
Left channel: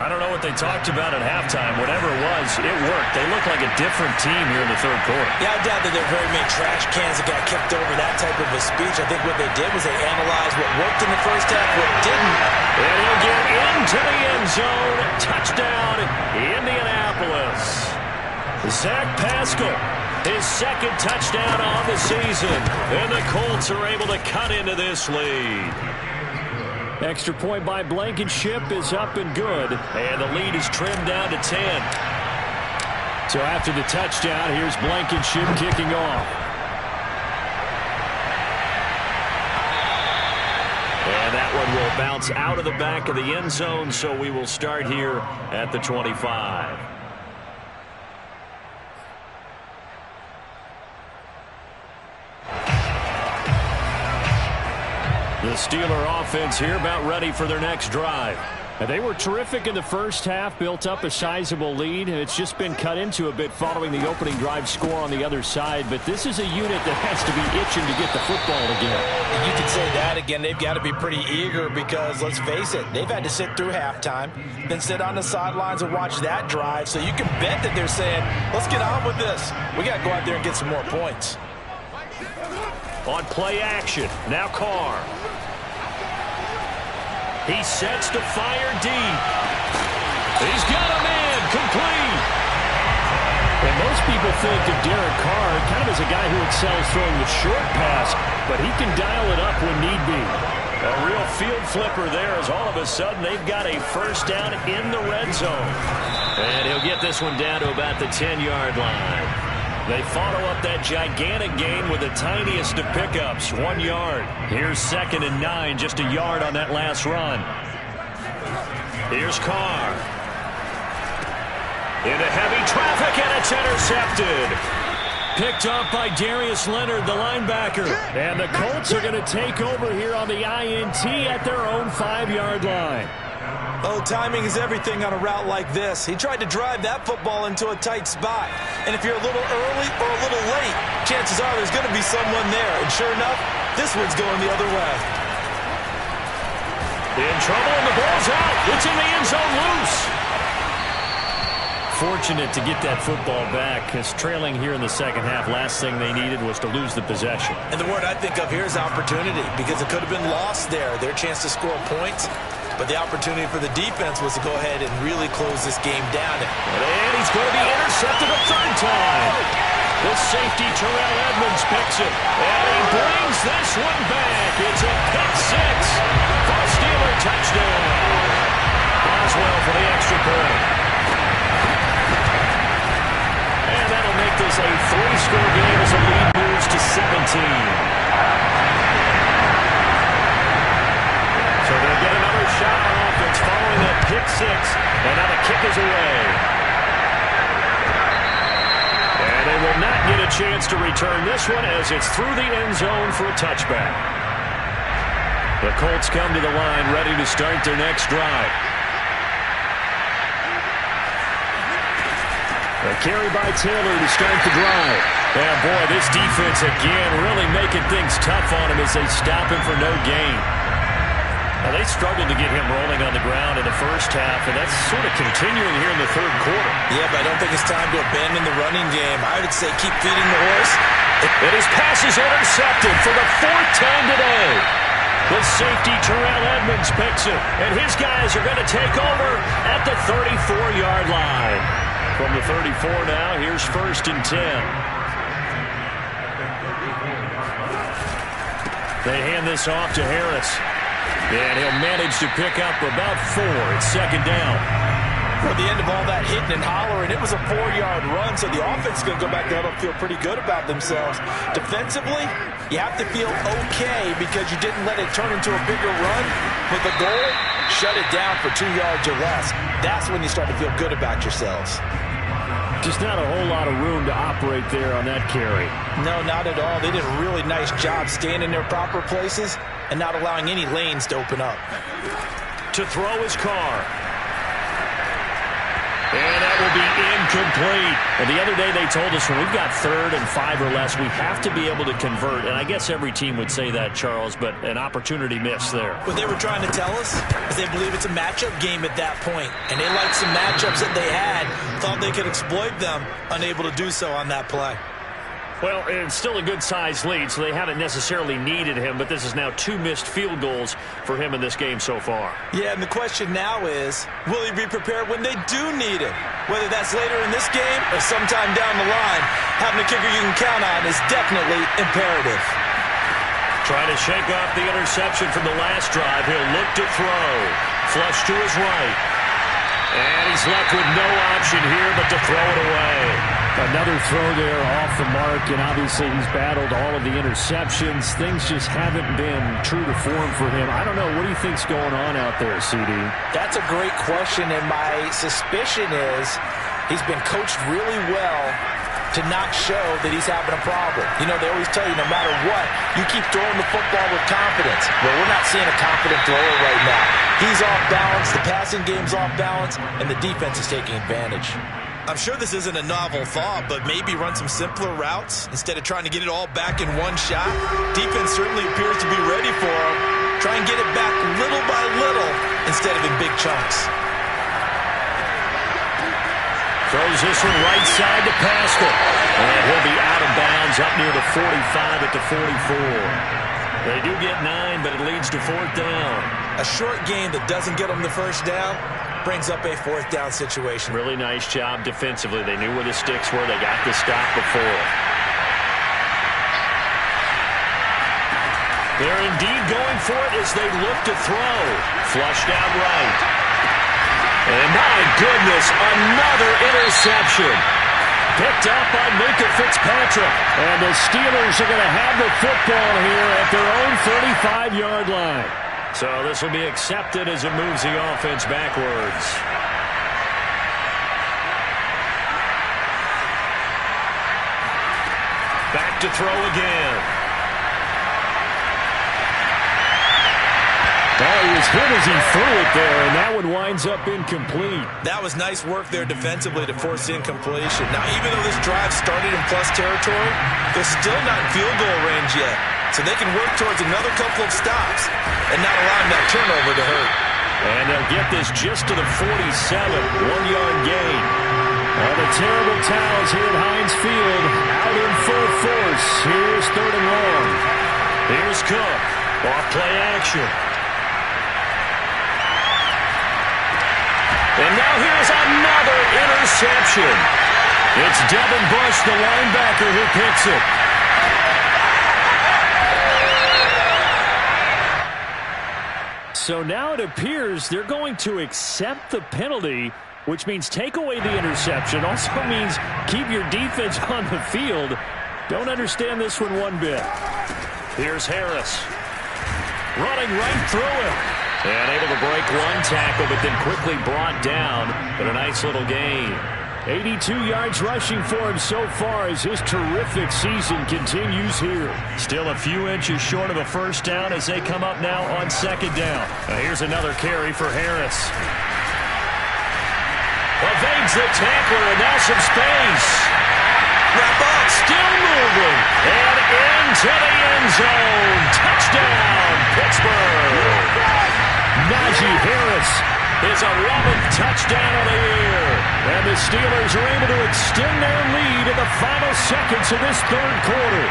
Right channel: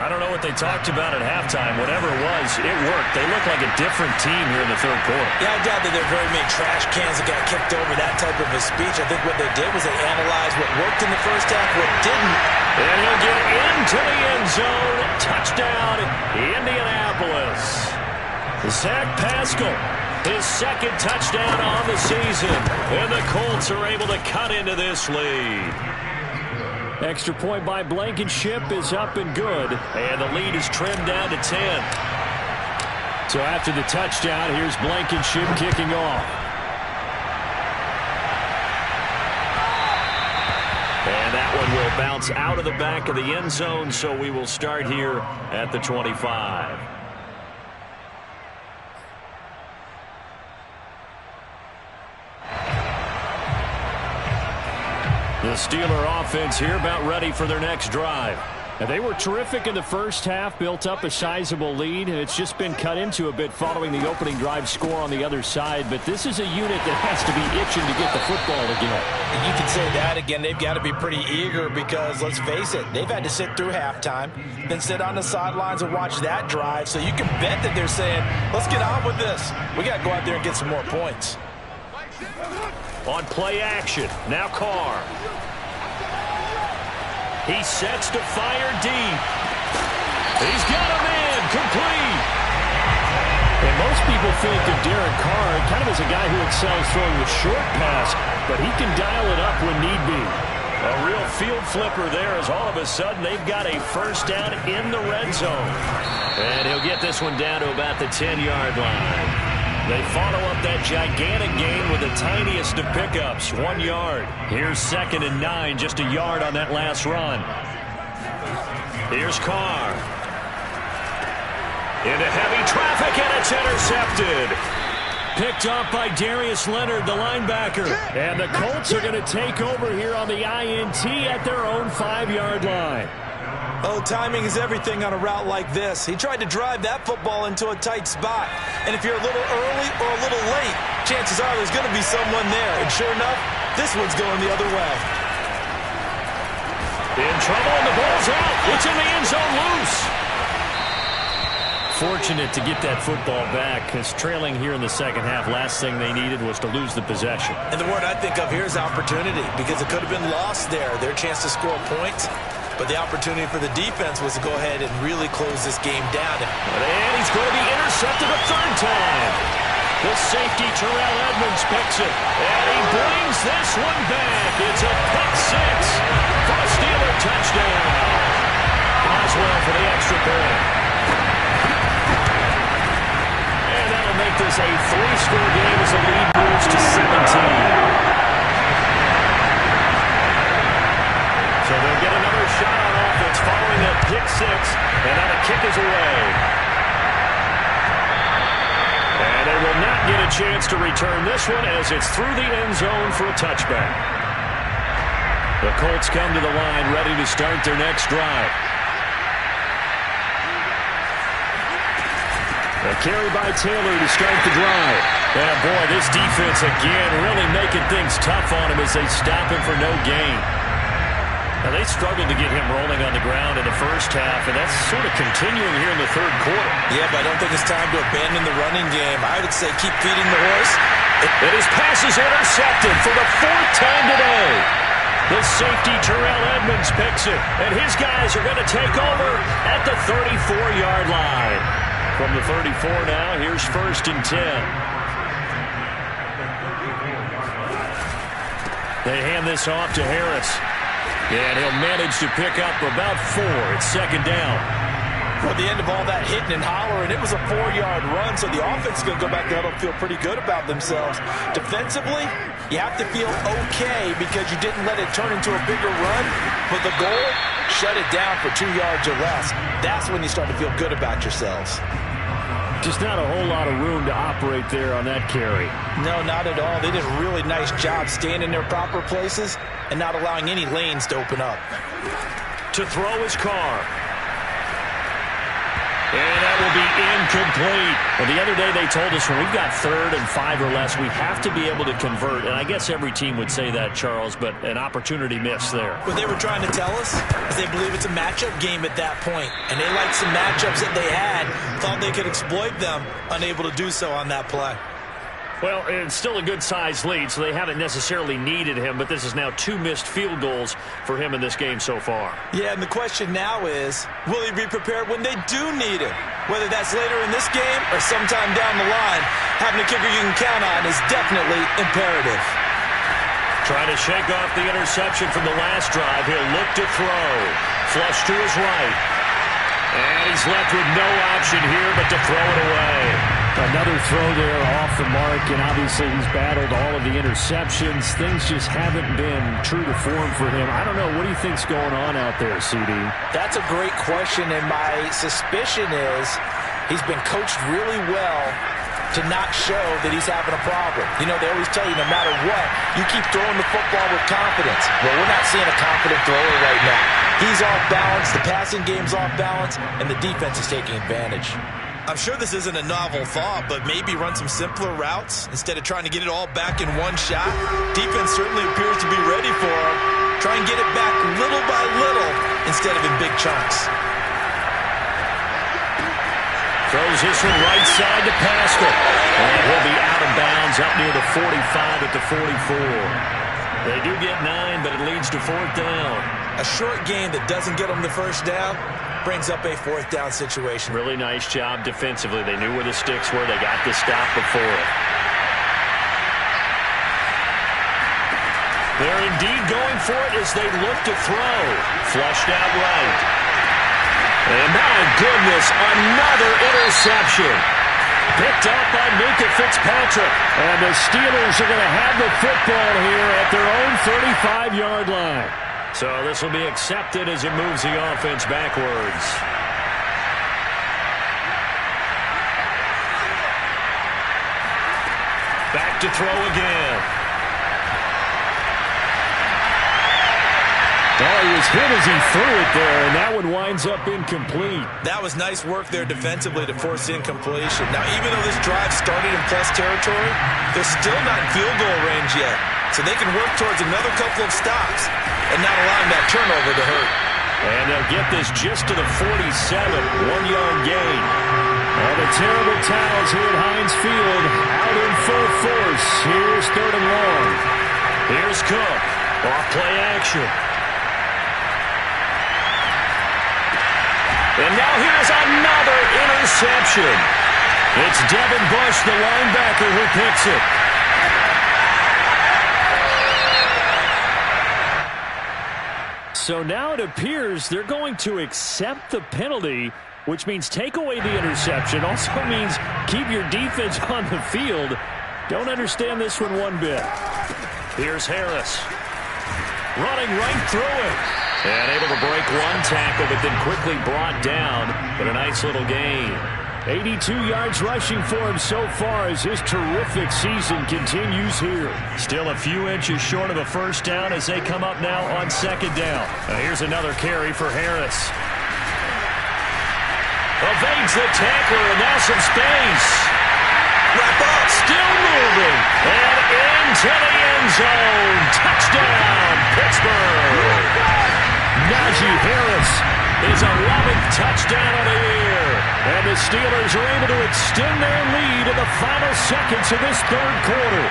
I don't know what they talked about at halftime. Whatever it was, it worked. They look like a different team here in the third quarter. Yeah, I doubt that there are very many trash cans that got kicked over, that type of a speech. I think what they did was they analyzed what worked in the first half, what didn't. And he'll get into the end zone. Touchdown, Indianapolis. Zach Pascal, his second touchdown on the season. And the Colts are able to cut into this lead. Extra point by Blankenship is up and good. And the lead is trimmed down to 10. So after the touchdown, here's Blankenship kicking off. And that one will bounce out of the back of the end zone, so we will start here at the 25. The Steeler offense here about ready for their next drive. And they were terrific in the first half, built up a sizable lead. It's just been cut into a bit following the opening drive score on the other side. But this is a unit that has to be itching to get the football again. You can say that again. They've got to be pretty eager because, let's face it, they've had to sit through halftime, then sit on the sidelines and watch that drive. So you can bet that they're saying, let's get on with this. We got to go out there and get some more points. On play action, now Carr. He sets to fire deep. He's got a man, complete. And most people think of Derek Carr kind of as a guy who excels throwing the short pass, but he can dial it up when need be. A real field flipper there as all of a sudden they've got a first down in the red zone. And he'll get this one down to about the 10-yard line. They follow up that gigantic gain with the tiniest of pickups, 1 yard. Here's 2nd and 9, just a yard on that last run. Here's Carr. Into heavy traffic, and it's intercepted. Picked off by Darius Leonard, the linebacker. And the Colts are going to take over here on the INT at their own 5-yard line. Oh, timing is everything on a route like this. He tried to drive that football into a tight spot. And if you're a little early or a little late, chances are there's going to be someone there. And sure enough, this one's going the other way. In trouble, and the ball's out. It's in the end zone loose. Fortunate to get that football back, because trailing here in the second half, last thing they needed was to lose the possession. And the word I think of here is opportunity, because it could have been lost there. Their chance to score points. But the opportunity for the defense was to go ahead and really close this game down. And he's going to be intercepted a third time. The safety, Terrell Edmonds, picks it. And he brings this one back. It's a pick six for a Steeler touchdown. Boswell for the extra point. And that'll make this a 3-score game as the lead moves to 17. So they'll get another shot on offense following that pick six. And now the kick is away. And they will not get a chance to return this one as it's through the end zone for a touchback. The Colts come to the line ready to start their next drive. A carry by Taylor to start the drive. And boy, this defense again really making things tough on him as they stop him for no gain. Now, they struggled to get him rolling on the ground in the first half, and that's sort of continuing here in the third quarter. Yeah, but I don't think it's time to abandon the running game. I would say keep feeding the horse. And his pass is intercepted for the 4th time today. The safety, Terrell Edmonds, picks it, and his guys are going to take over at the 34-yard line. From the 34 now, here's 1st and 10. They hand this off to Harris. And he'll manage to pick up about 4. It's 2nd down. At the end of all that hitting and hollering, it was a 4-yard run, so the offense is going to go back there and feel pretty good about themselves. Defensively, you have to feel okay because you didn't let it turn into a bigger run. But the goal, shut it down for 2 yards or less. That's when you start to feel good about yourselves. Just not a whole lot of room to operate there on that carry. No, not at all. They did a really nice job staying in their proper places and not allowing any lanes to open up. To throw his car. And that will be incomplete. And the other day they told us when we've got 3rd and 5 or less, we have to be able to convert. And I guess every team would say that, Charles, but an opportunity missed there. What they were trying to tell us is they believe it's a matchup game at that point. And they liked some matchups that they had, thought they could exploit them, unable to do so on that play. Well, it's still a good-sized lead, so they haven't necessarily needed him, but this is now 2 missed field goals for him in this game so far. Yeah, and the question now is, will he be prepared when they do need him? Whether that's later in this game or sometime down the line, having a kicker you can count on is definitely imperative. Trying to shake off the interception from the last drive. He'll look to throw. Flush to his right. And he's left with no option here but to throw it away. Another throw there off the mark, and obviously he's battled all of the interceptions. Things just haven't been true to form for him. I don't know. What do you think's going on out there, CD? That's a great question, and my suspicion is he's been coached really well to not show that he's having a problem. You know, they always tell you no matter what, you keep throwing the football with confidence. Well, we're not seeing a confident thrower right now. He's off balance, the passing game's off balance, and the defense is taking advantage. I'm sure this isn't a novel thought, but maybe run some simpler routes instead of trying to get it all back in one shot. Defense certainly appears to be ready for him. Try and get it back little by little instead of in big chunks. Throws this one right side to Pascal. And he'll be out of bounds up near the 45 at the 44. They do get 9, but it leads to 4th down. A short game that doesn't get them the first down brings up a 4th down situation. Really nice job defensively. They knew where the sticks were. They got the stop before. They're indeed going for it as they look to throw. Flushed out right. And my goodness, another interception. Picked up by Minka Fitzpatrick. And the Steelers are going to have the football here at their own 35-yard line. So this will be accepted as it moves the offense backwards. Back to throw again. Oh, he was hit as he threw it there, and that one winds up incomplete. That was nice work there defensively to force incompletion. Now, even though this drive started in plus territory, they're still not in field goal range yet. So they can work towards another couple of stops and not allowing that turnover to hurt. And they'll get this just to the 47, 1-yard gain. Well, the terrible towels here at Heinz Field out in full force. Here's 3rd and long. Here's Cook. Off play action. And now here is another interception. It's Devin Bush, the linebacker, who picks it. So now it appears they're going to accept the penalty, which means take away the interception. Also means keep your defense on the field. Don't understand this one bit. Here's Harris. Running right through him. And able to break one tackle, but then quickly brought down. But a nice little gain. 82 yards rushing for him so far as his terrific season continues here. Still a few inches short of a first down as they come up now on second down. Here's another carry for Harris. Evades the tackler, and now some space. Wrap up. Still moving. And into the end zone. Touchdown, Pittsburgh. Najee Harris, his 11th touchdown of the year. And the Steelers are able to extend their lead in the final seconds of this third quarter.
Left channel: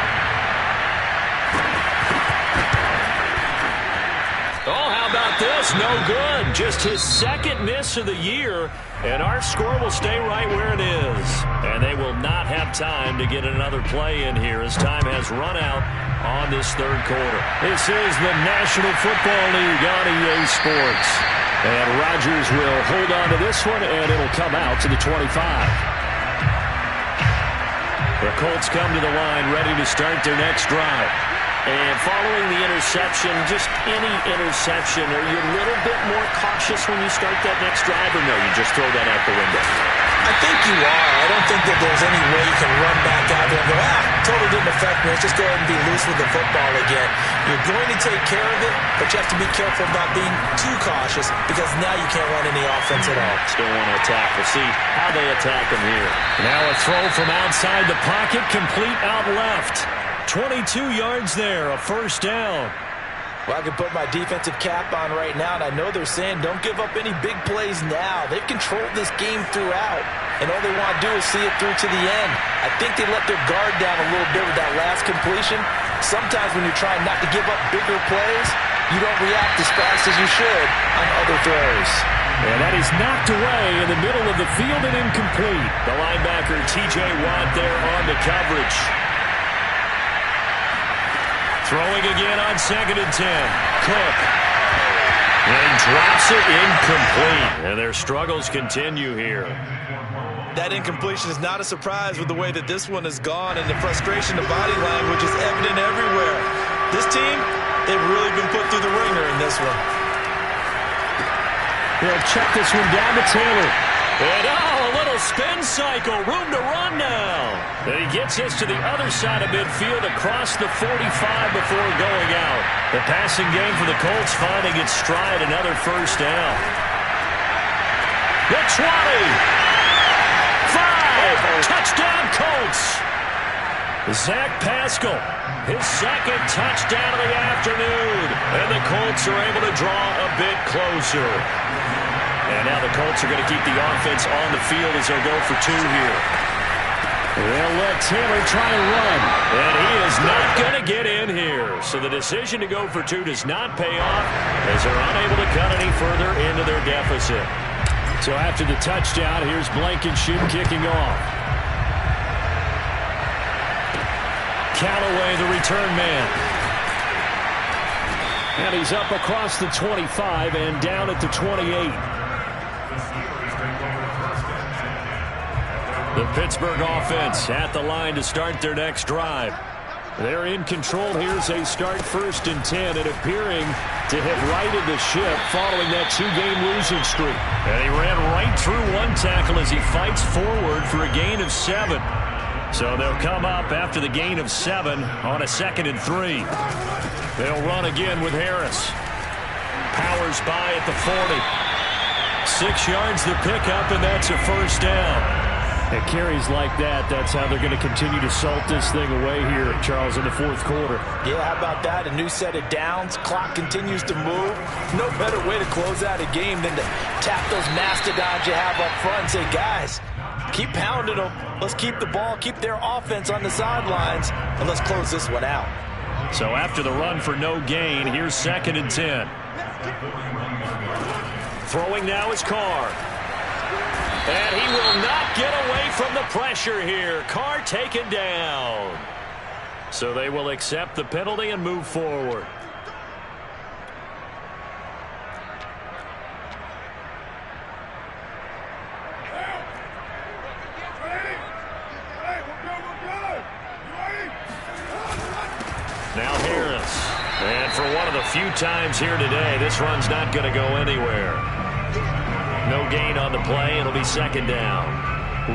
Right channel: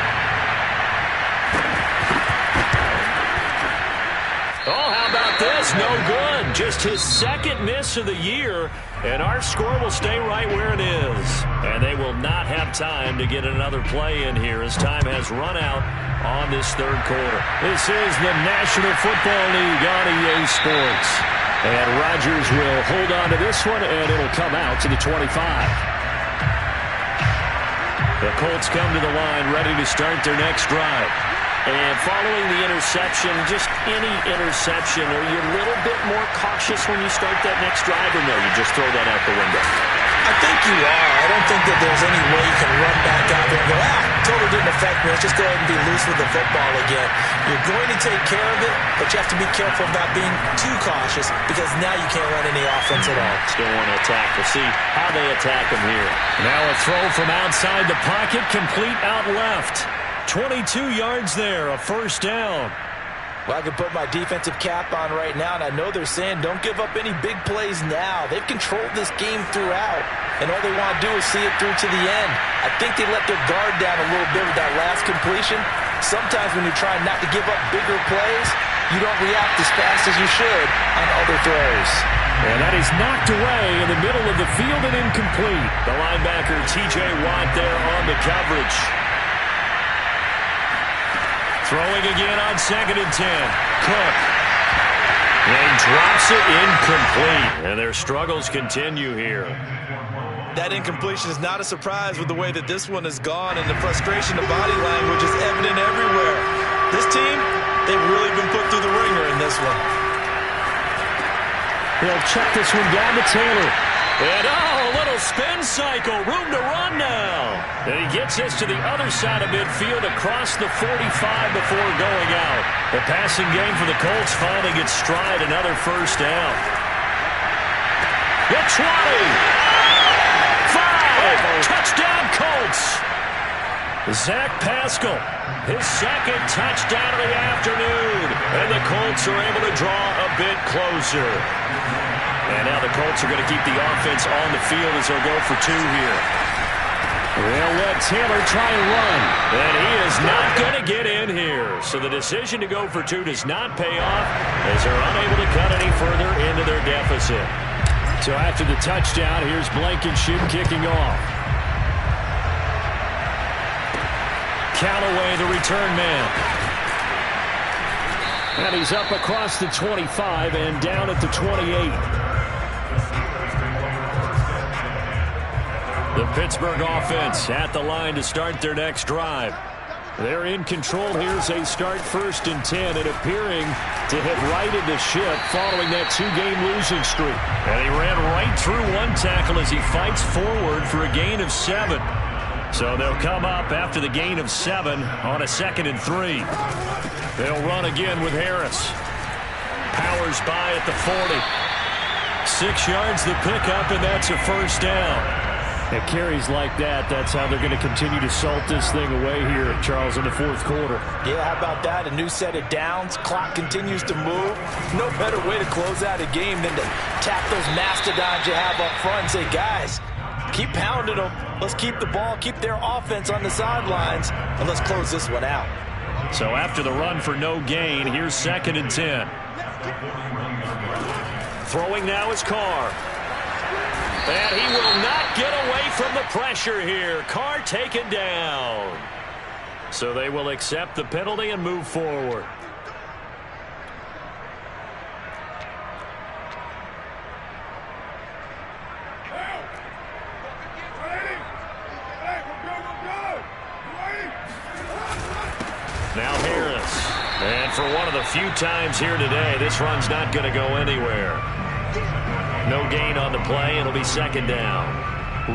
Oh, how about this? No good. Just his second miss of the year. And our score will stay right where it is. And they will not have time to get another play in here as time has run out on this third quarter. This is the National Football League on EA Sports. And Rodgers will hold on to this one, and it'll come out to the 25. The Colts come to the line ready to start their next drive. And following the interception, just any interception, are you a little bit more cautious when you start that next drive, or no, you just throw that out the window? I think you are. I don't think that there's any way you can run back out there and go, totally didn't affect me. Let's just go ahead and be loose with the football again. You're going to take care of it, but you have to be careful about being too cautious because now you can't run any offense at all. Still want to attack. We'll see how they attack them here. Now a throw from outside the pocket, complete out left. 22 yards there, a first down. Well, I can put my defensive cap on right now, and I know they're saying don't give up any big plays now. They've controlled this game throughout, and all they want to do is see it through to the end. I think they let their guard down a little bit with that last completion. Sometimes when you're trying not to give up bigger plays, you don't react as fast as you should on other throws. And that is knocked away in the middle of the field and incomplete. The linebacker, T.J. Watt, there on the coverage. Throwing again on 2nd and 10. Cook. And he drops it incomplete. And their struggles continue here. That incompletion is not a surprise with the way that this one has gone, and the frustration, the body language is evident everywhere. This team, they've really been put through the ringer in this one. They'll check this one down to Taylor. And a little spin cycle. Room to run now. And he gets this to the other side of midfield across the 45 before going out. The passing game for the Colts finding its stride. Another first down. The 20. 5. Touchdown Colts. Zach Pascal, his second touchdown of the afternoon. And the Colts are able to draw a bit closer. And now the Colts are going to keep the offense on the field as they'll go for 2 here. They'll let Taylor try and run. And he is not going to get in here. So the decision to go for 2 does not pay off as they're unable to cut any further into their deficit. So after the touchdown, here's Blankenship kicking off. Callaway, the return man. And he's up across the 25 and down at the 28. The Pittsburgh offense at the line to start their next drive. They're in control here as they start 1st and 10 and appearing to have righted the ship following that 2-game losing streak. And he ran right through one tackle as he fights forward for a gain of 7. So they'll come up after the gain of 7 on a 2nd and 3. They'll run again with Harris. Powers by at the 40. 6 yards the pickup, and that's a first down. It carries like that. That's how they're going to continue to salt this thing away here, Charles, in the 4th quarter. Yeah, how about that? A new set of downs. Clock continues to move. No better way to close out a game than to tap those mastodons you have up front and say, guys, keep pounding them. Let's keep the ball, keep their offense on the sidelines, and let's close this one out. So after the run for no gain, here's 2nd and 10. Throwing now is Carr. And he will not get away from the pressure here. Carr taken down. So they will accept the penalty and move forward. Now Harris. And for one of the few times here today, this run's not going to go anywhere. No gain on the play. It'll be second down.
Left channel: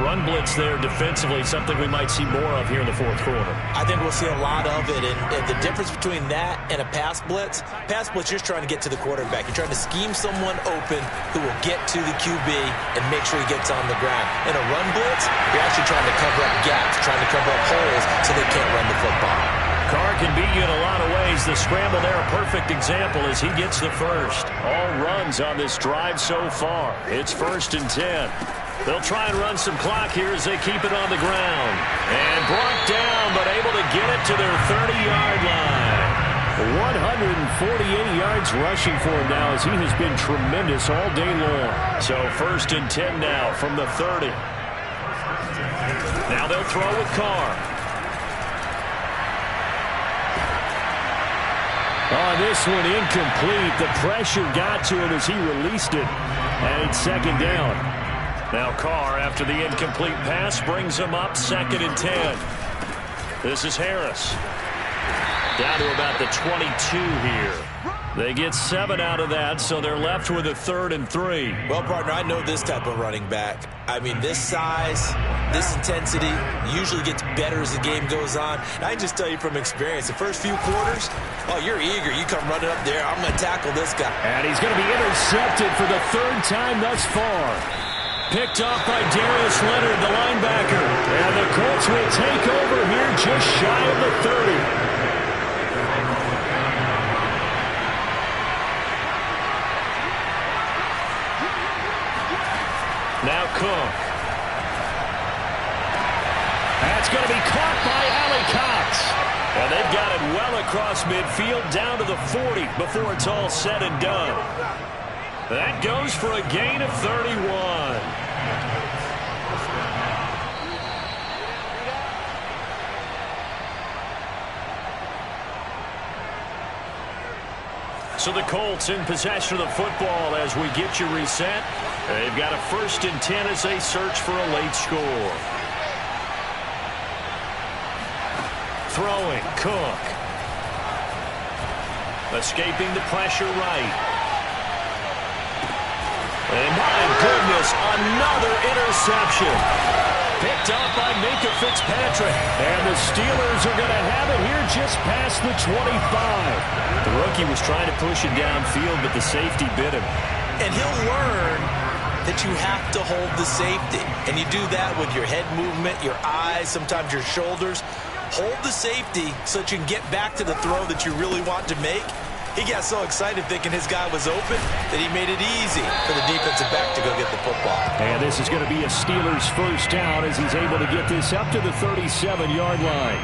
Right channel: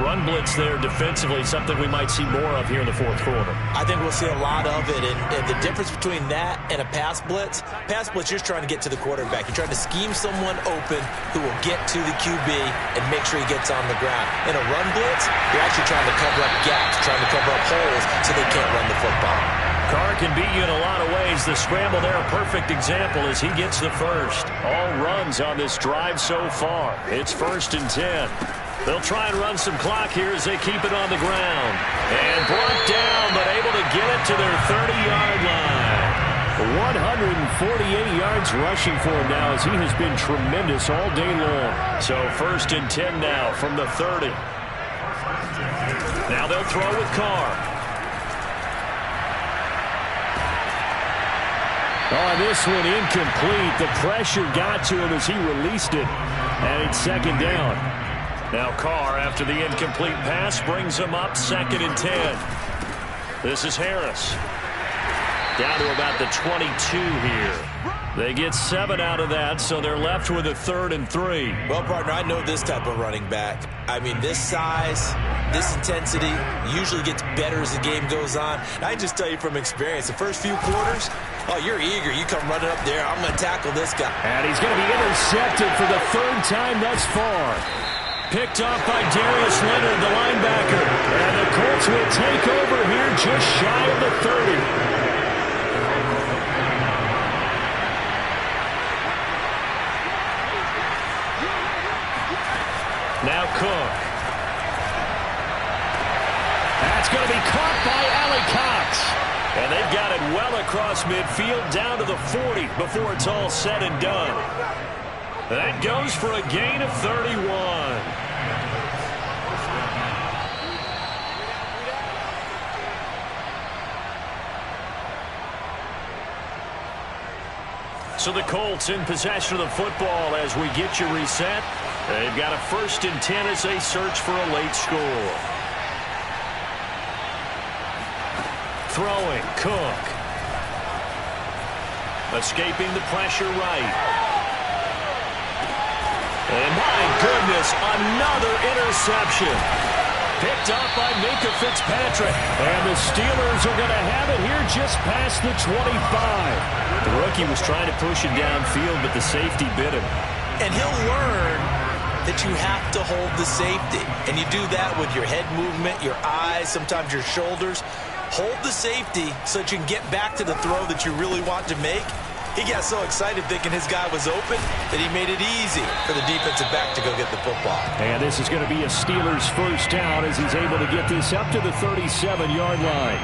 Run blitz there defensively, something we might see more of here in the fourth quarter. I think we'll see a lot of it, and the difference between that and a pass blitz, you're trying to get to the quarterback. You're trying to scheme someone open who will get to the QB and make sure he gets on the ground. In a run blitz, you're actually trying to cover up gaps, trying to cover up holes so they can't run the football. Carr can beat you in a lot of ways. The scramble there, a perfect example as he gets the first. All runs on this drive so far. It's 1st and 10. They'll try and run some clock here as they keep it on the ground. And brought down, but able to get it to their 30-yard line. 148 yards rushing for him now as he has been tremendous all day long. So 1st and 10 now from the 30. Now they'll throw with Carr. Oh, this one incomplete. The pressure got to him as he released it. And it's second down. Now Carr, after the incomplete pass, brings him up 2nd and 10. This is Harris. Down to about the 22 here. They get 7 out of that, so they're left with a 3rd and 3. Well, partner, I know this type of running back. I mean, this size, this intensity usually gets better as the game goes on. And I can just tell you from experience, the first few quarters, oh, you're eager. You come running up there. I'm going to tackle this guy. And he's going to be intercepted for the 3rd time thus far. Picked off by Darius Leonard, the linebacker. And the Colts will take over here just shy of the 30. Now Cook. That's going to be caught by Allie Cox. And they've got it well across midfield down to the 40 before it's all said and done. That goes for a gain of 31. So the Colts in possession of the football as we get you reset. They've got a 1st and 10 as they search for a late score. Throwing, Cook. Escaping the pressure right. And my goodness, another interception. Picked up by Minkah Fitzpatrick. And the Steelers are going to have it here just past the 25. The rookie was trying to push it downfield, but the safety bit him. And he'll learn that you have to hold the safety. And you do that with your head movement, your eyes, sometimes your shoulders. Hold the safety so that you can get back to the throw that you really want to make. He got so excited thinking his guy was open that he made it easy for the defensive back to go get the football. And this is going to be a Steelers 1st down as he's able to get this up to the 37-yard line.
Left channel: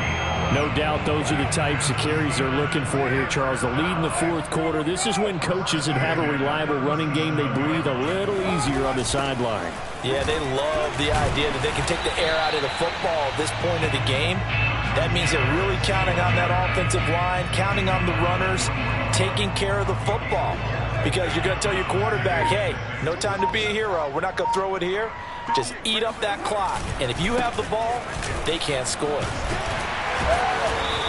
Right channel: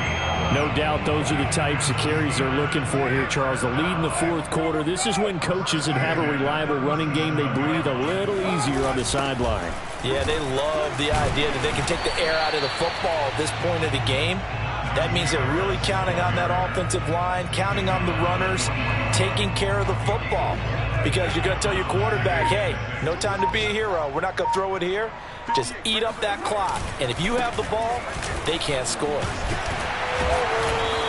No doubt those are the types of carries they're looking for here, Charles. The lead in the 4th quarter. This is when coaches that have a reliable running game, they breathe a little easier on the sideline. Yeah, they love the idea that they can take the air out of the football at this point of the game. That means they're really counting on that offensive line, counting on the runners, taking care of the football. Because you're going to tell your quarterback, hey, no time to be a hero. We're not going to throw it here. Just eat up that clock. And if you have the ball, they can't score.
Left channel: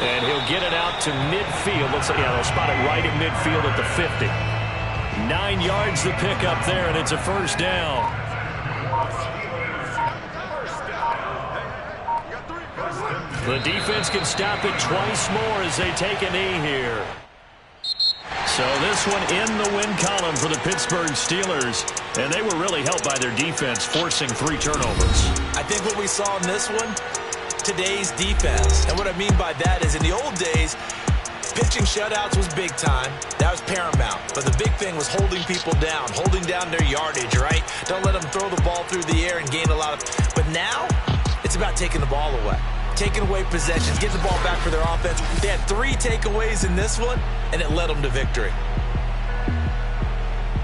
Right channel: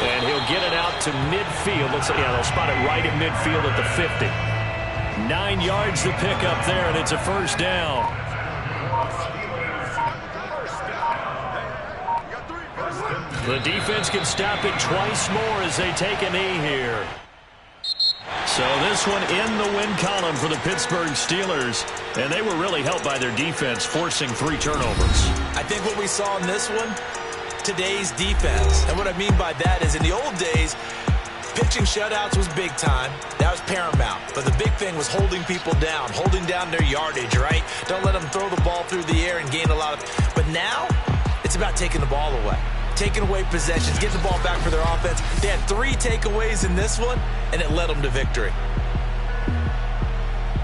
And he'll get it out to midfield. Looks like, yeah, they'll spot it right at midfield at the 50. 9 yards to pick up there, and it's a 1st down. The defense can stop it twice more as they take a knee here. So this one in the win column for the Pittsburgh Steelers. And they were really helped by their defense, forcing 3 turnovers. I think what we saw in this one, today's defense. And what I mean by that is in the old days, pitching shutouts was big time. That was paramount. But the big thing was holding people down, holding down their yardage, right? Don't let them throw the ball through the air and gain a lot of... But now, it's about taking the ball away. Taking away possessions, getting the ball back for their offense. They had 3 takeaways in this one, and it led them to victory.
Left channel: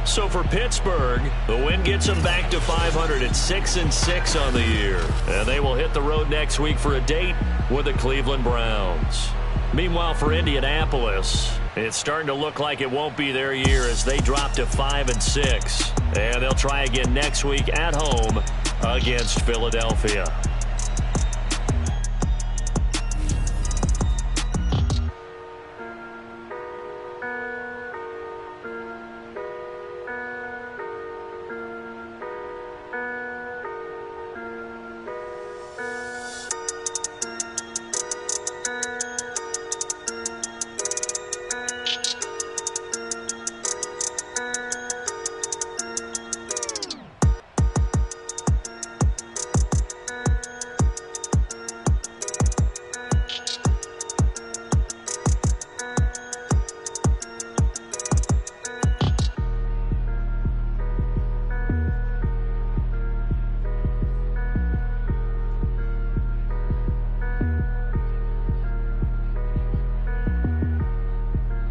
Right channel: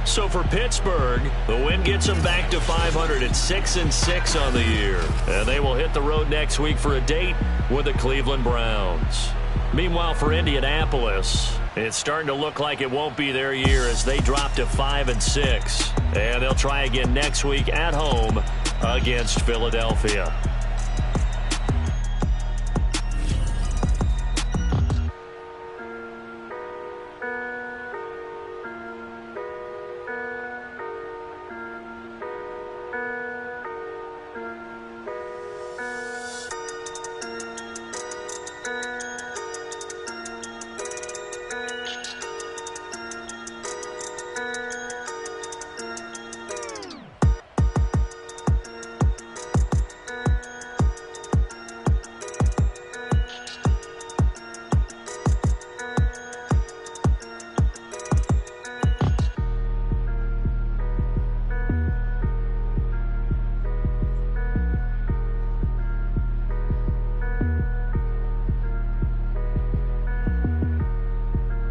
So for Pittsburgh, the win gets them back to 500 at 6-6 on the year. And they will hit the road next week for a date with the Cleveland Browns. Meanwhile, for Indianapolis, it's starting to look like it won't be their year as they drop to 5-6. And they'll try again next week at home against Philadelphia.